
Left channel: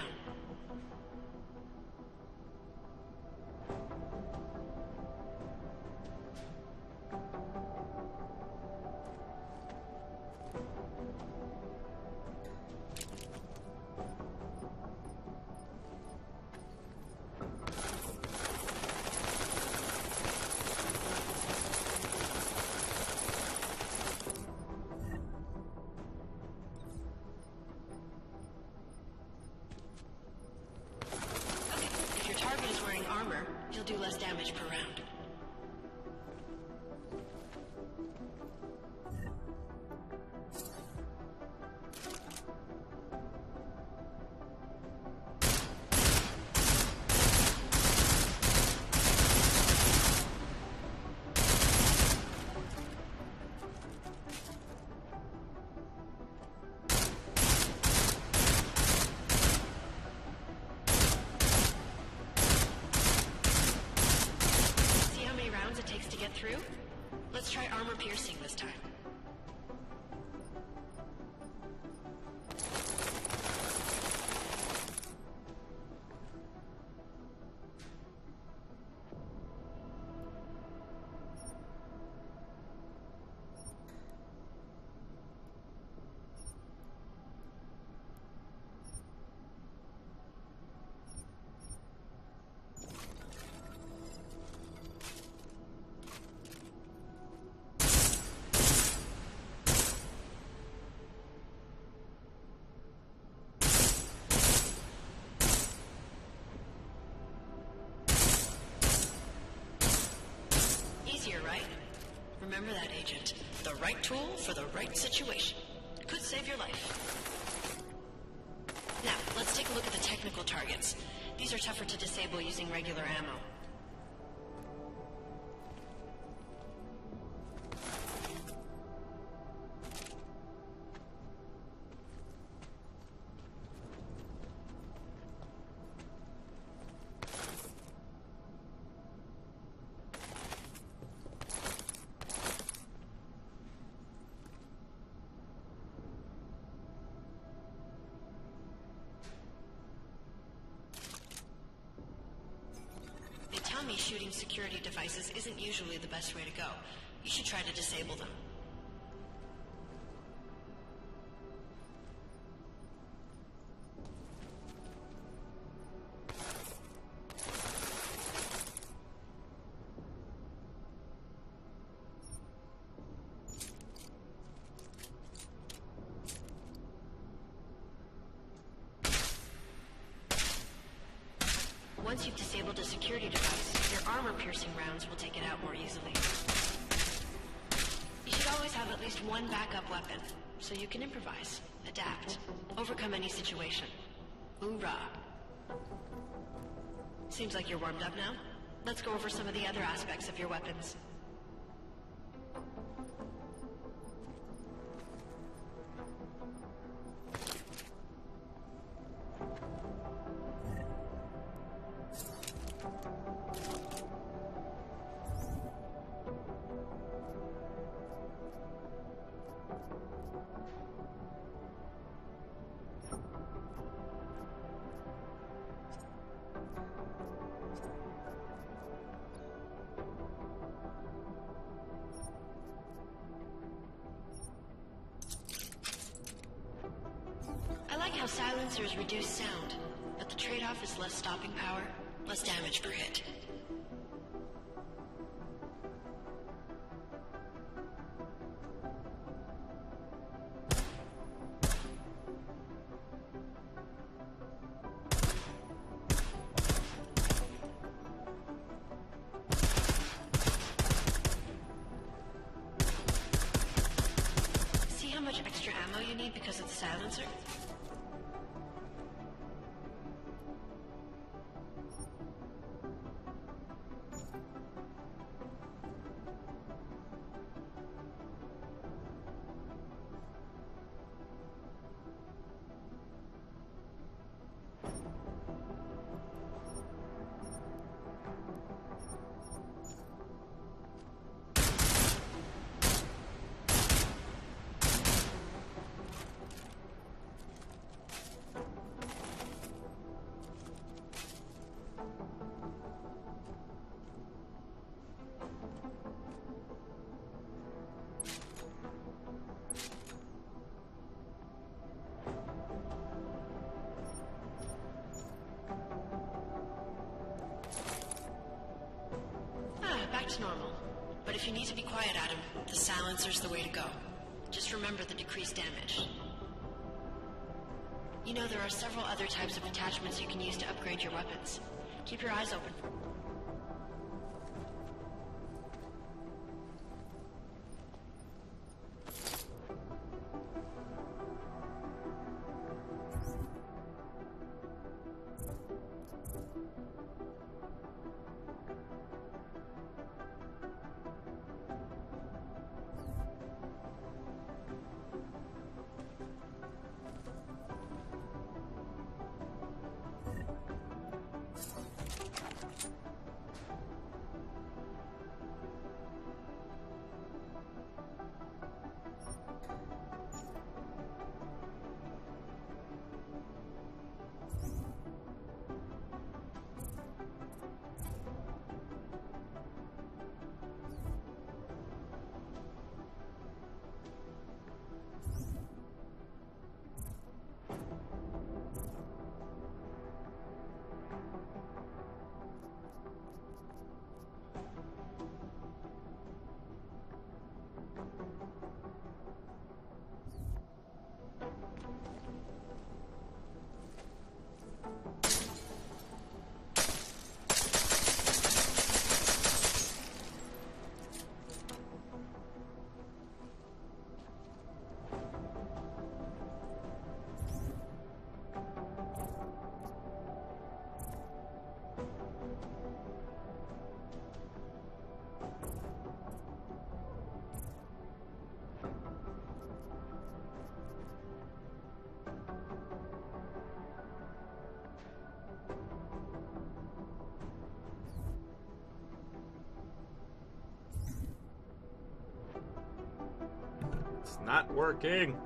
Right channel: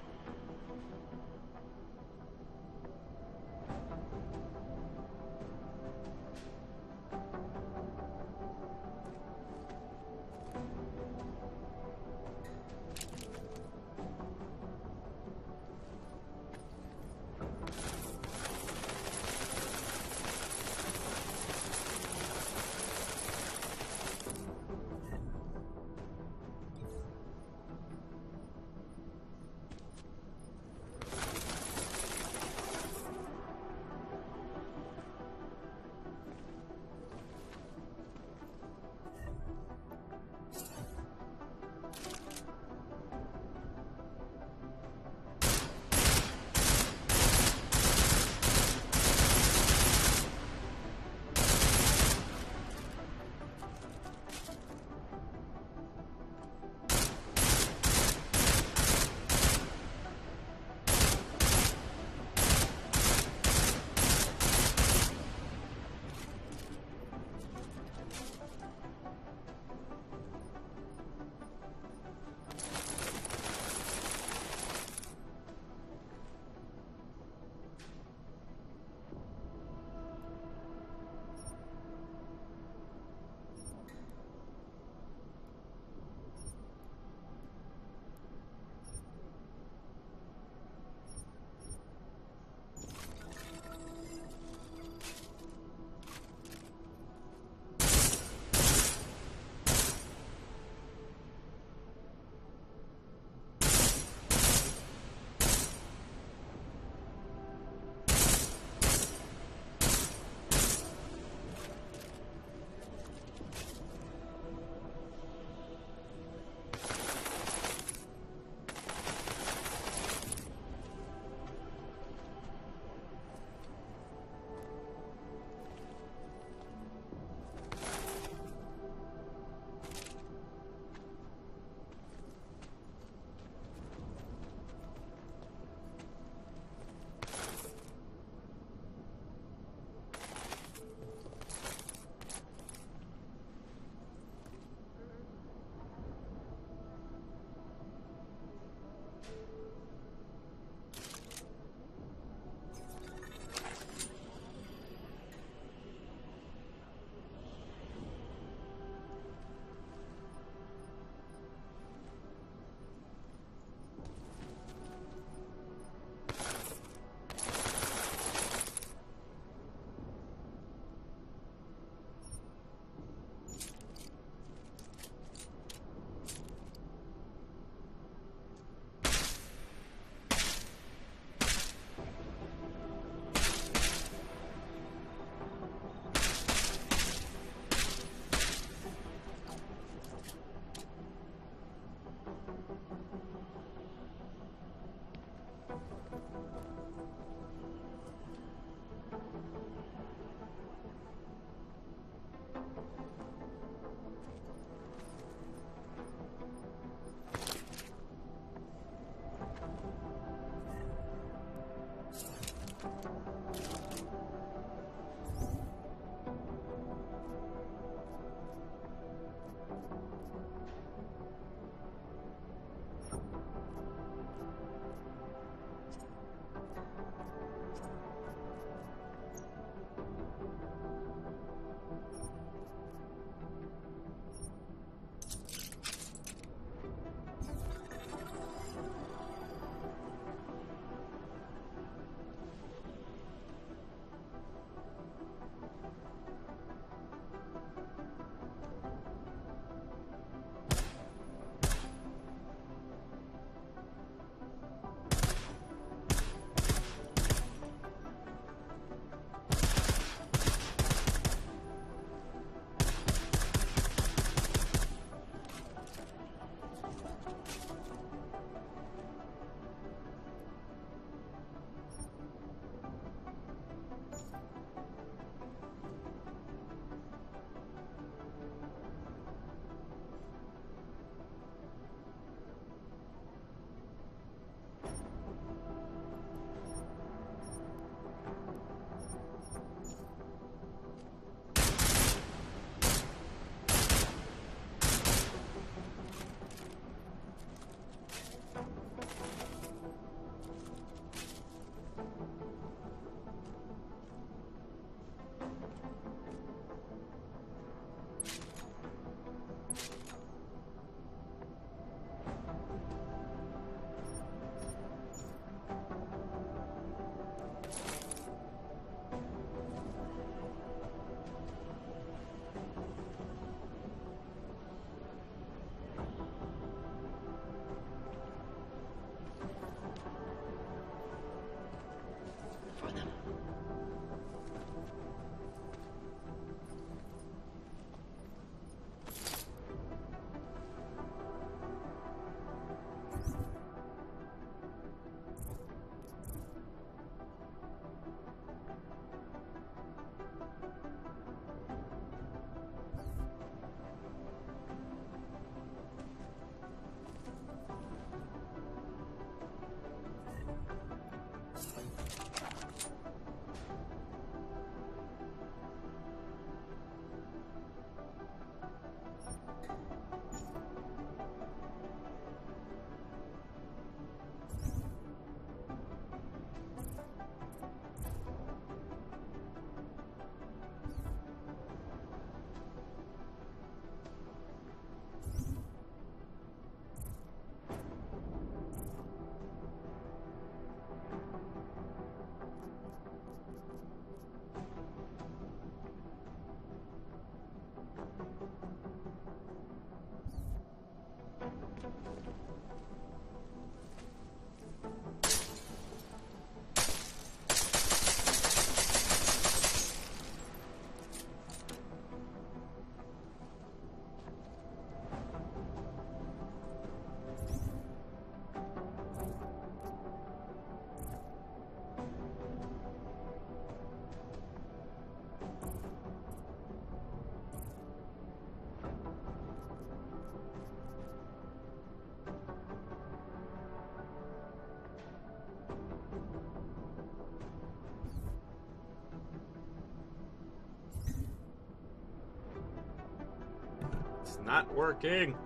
Right tool for the right situation. Could save your life. Now, let's take a look at the technical targets. These are tougher to disable using regular ammo. Security devices isn't usually the best way to go. You should try to disable them. Once you've disabled a security device, your armor-piercing rounds will take it out more easily. You should always have at least one backup weapon, so you can improvise, adapt, overcome any situation. Hoorah! Seems like you're warmed up now. Let's go over some of the other aspects of your weapons. Silencers reduce sound, but the trade-off is less stopping power, less damage per hit. See how much extra ammo you need because of the silencer? silencer's the way to go. Just remember the decreased damage. You know, there are several other types of attachments you can use to upgrade your weapons. Keep your eyes open for them. It's not working.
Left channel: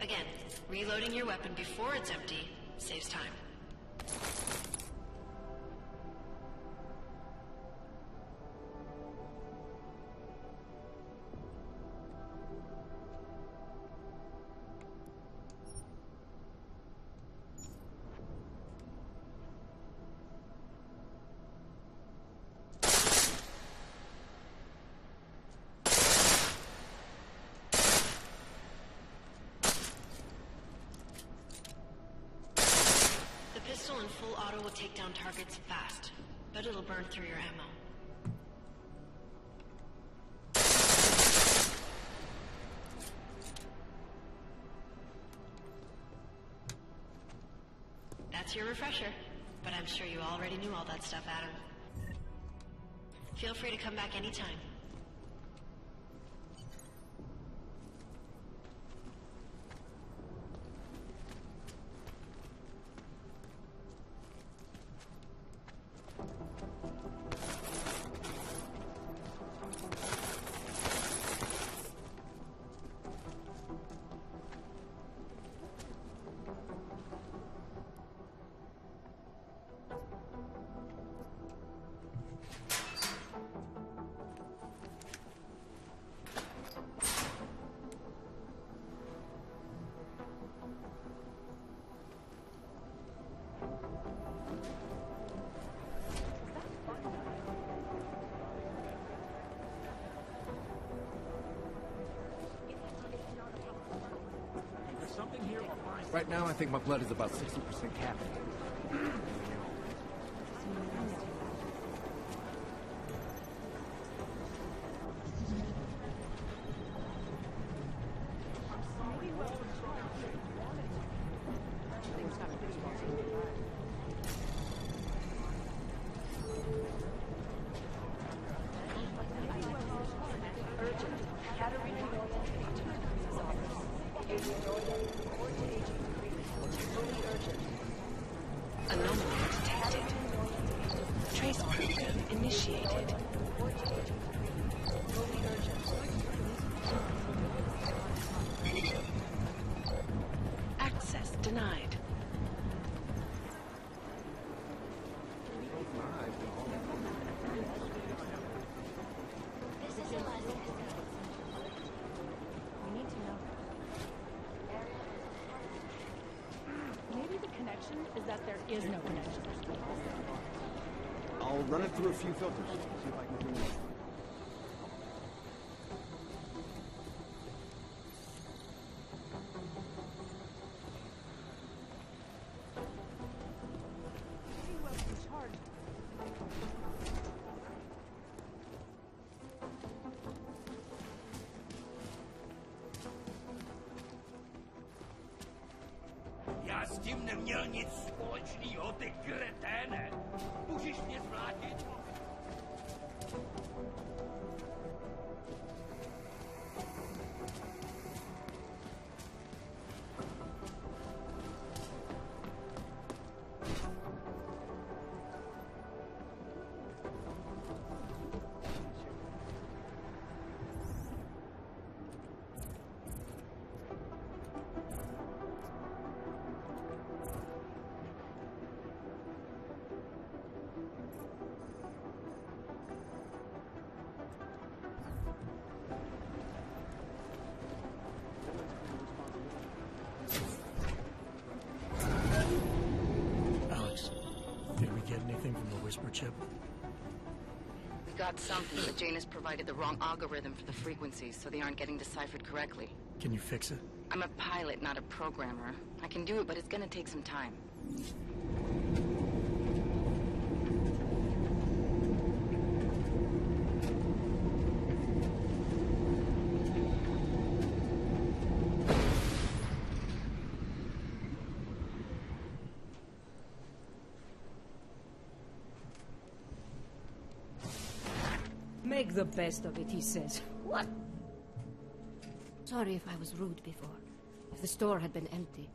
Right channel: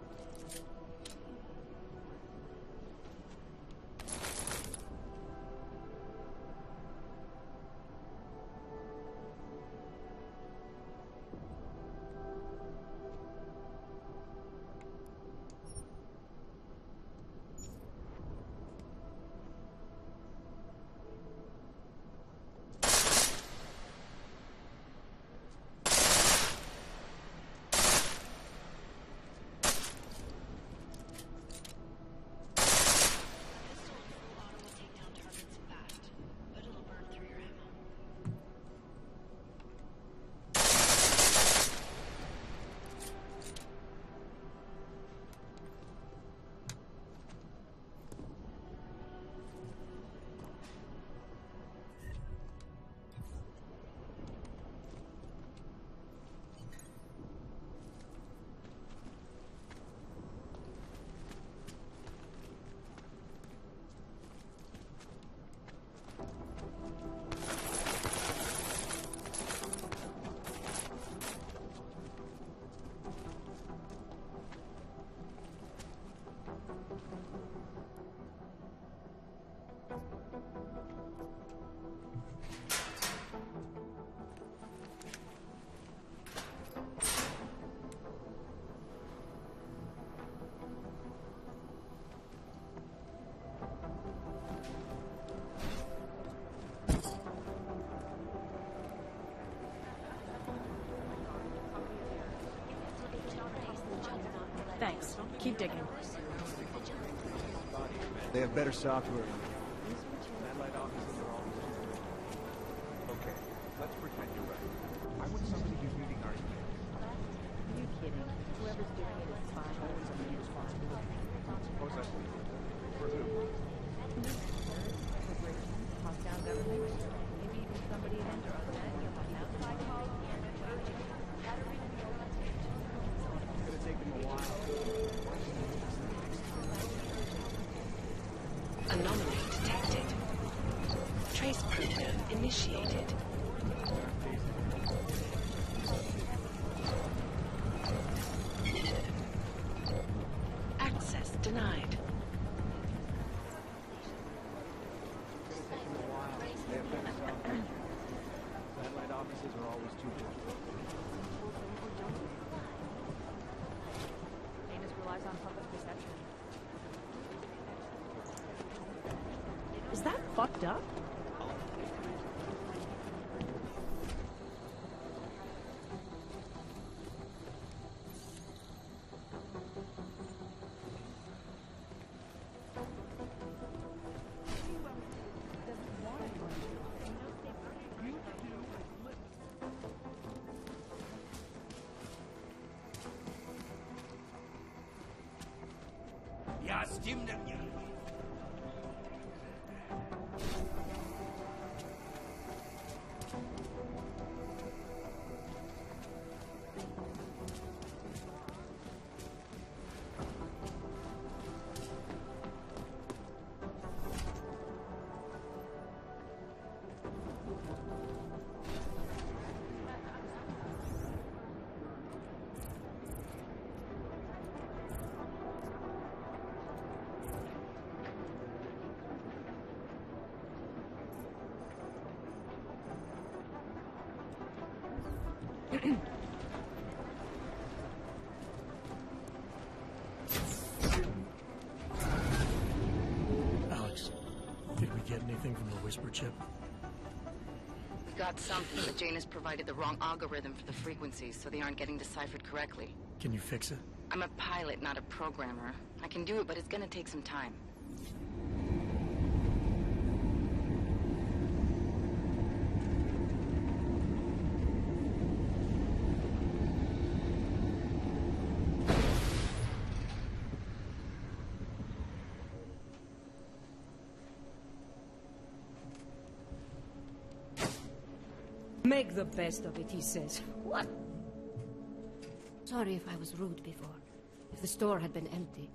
Again, reloading your weapon before it's empty saves time. Take down targets fast, but it'll burn through your ammo. That's your refresher, but I'm sure you already knew all that stuff, Adam. Feel free to come back anytime. Just keep digging. Right now, I think my blood is about to take. They have better software than we do. Anomaly detected. Trace program initiated. Access denied. Maybe the connection is that there is no connection. Is that fucked up? I'll run it through a few filters. Я с темным не очень ёбик кретена. Мужик не радит. Alex, did we get anything from the Whisper chip? We got something, but Jane has provided the wrong algorithm for the frequencies, so they aren't getting deciphered correctly. Can you fix it? I'm a pilot, not a programmer. I can do it, but it's gonna take some time. Make the best of it, he says. What? Sorry if I was rude before. If the store had been empty.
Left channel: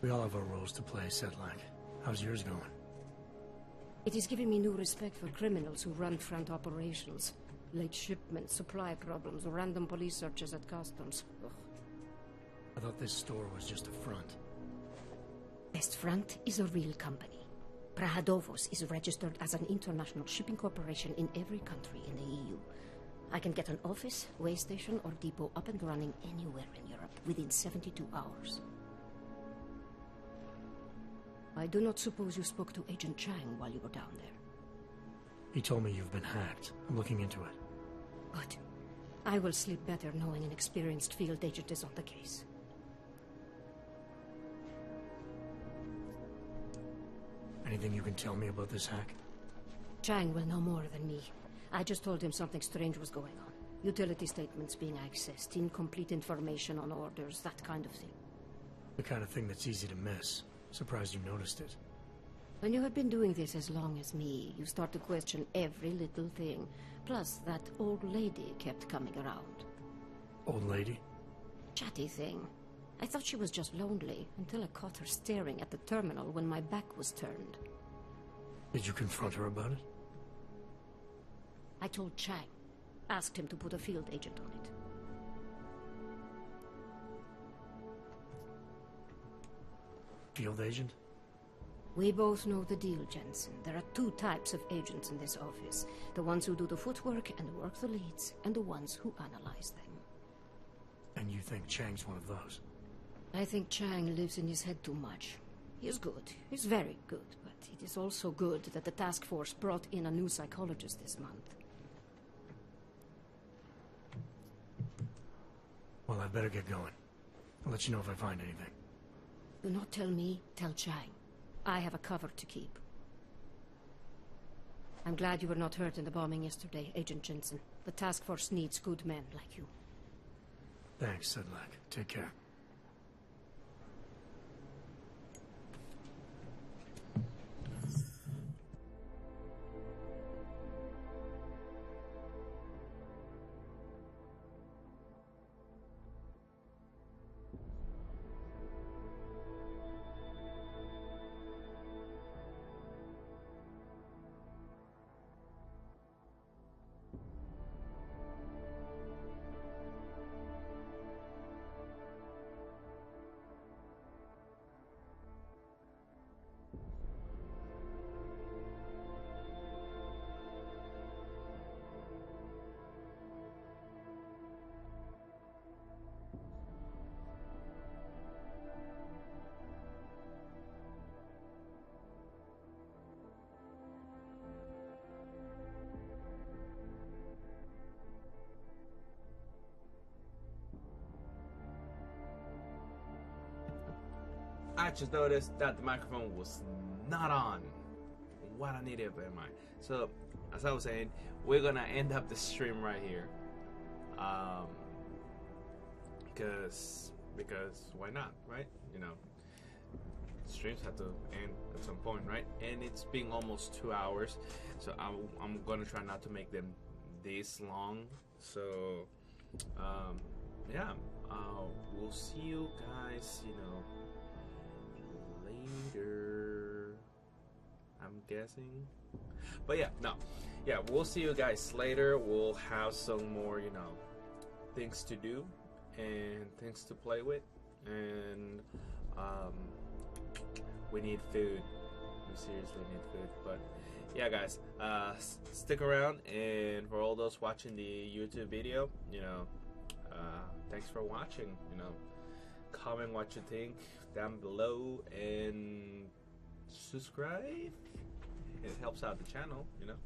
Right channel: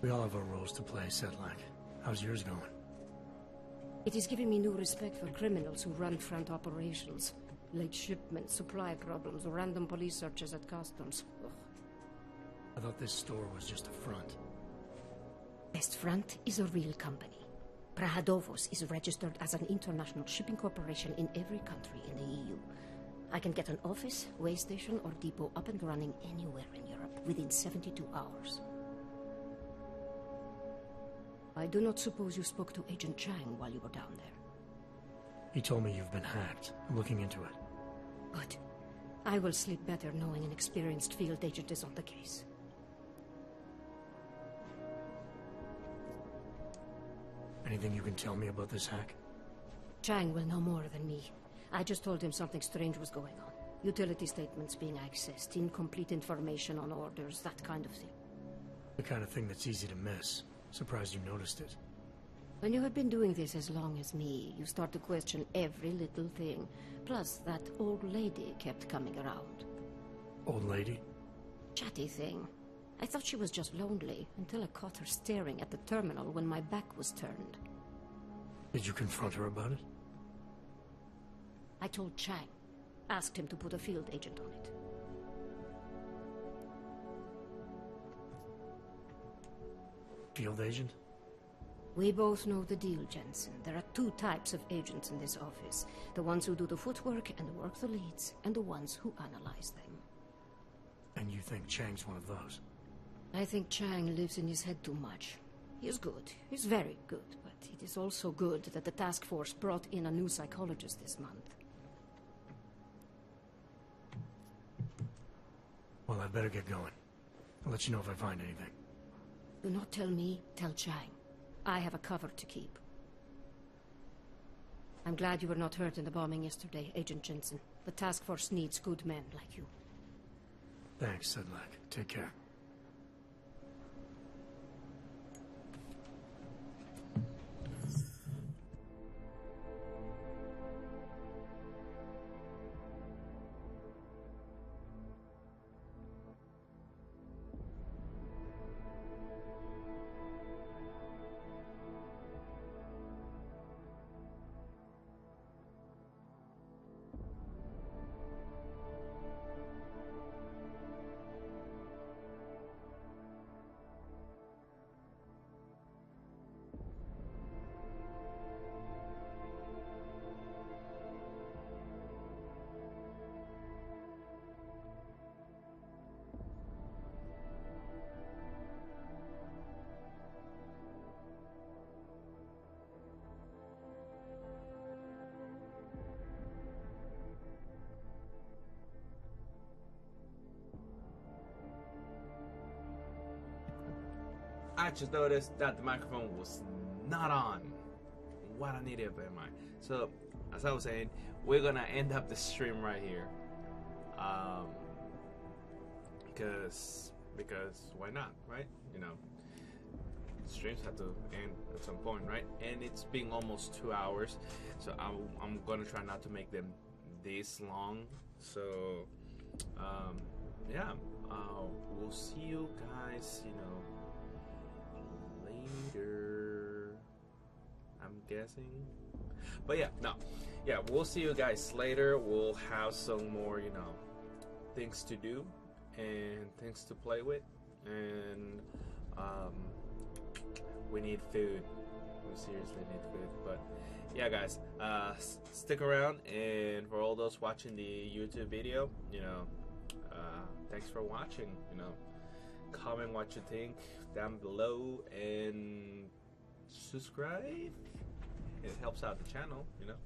We all have our roles to play, Sedlak. How's yours going? It is giving me new respect for criminals who run front operations. Late shipments, supply problems, random police searches at customs. Ugh. I thought this store was just a front. Best Front is a real company. Prahadovos is registered as an international shipping corporation in every country in the EU. I can get an office, way station, or depot up and running anywhere in Europe within 72 hours. I do not suppose you spoke to Agent Chang while you were down there. He told me you've been hacked. I'm looking into it. Good. I will sleep better knowing an experienced field agent is on the case. Anything you can tell me about this hack? Chang will know more than me. I just told him something strange was going on. Utility statements being accessed, incomplete information on orders, that kind of thing. The kind of thing that's easy to miss. Surprised you noticed it. When you have been doing this as long as me, you start to question every little thing. Plus, that old lady kept coming around. Old lady? Chatty thing. I thought she was just lonely, until I caught her staring at the terminal when my back was turned. Did you confront her about it? I told Chang. Asked him to put a field agent on it. Field agent? We both know the deal, Jensen. There are two types of agents in this office. The ones who do the footwork and work the leads, and the ones who analyze them. And you think Chang's one of those? I think Chang lives in his head too much. He's good. He's very good. But it is also good that the task force brought in a new psychologist this month. Well, I better get going. I'll let you know if I find anything. Do not tell me, tell Chang. I have a cover to keep. I'm glad you were not hurt in the bombing yesterday, Agent Jensen. The task force needs good men like you. Thanks, Sedlak. Take care. I just noticed that the microphone was not on. What I needed to bear in mind. So, as I was saying, we're gonna end up the stream right here. Because why not, right? You know, streams have to end at some point, right? And it's been almost 2 hours, so I'm gonna try not to make them this long. So, yeah, we'll see you guys, you know, later, I'm guessing. But yeah, no, yeah, we'll see you guys later. We'll have some more, you know, things to do and things to play with, and we need food. We seriously need food. But yeah, guys, stick around, and for all those watching the YouTube video, you know, thanks for watching. You know, comment what you think down below and subscribe. It helps out the channel, you know.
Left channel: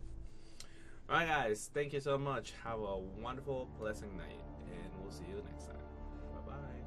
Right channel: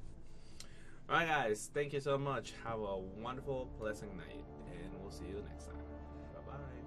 Alright guys, thank you so much. Have a wonderful, pleasant night, and we'll see you next time. Bye bye.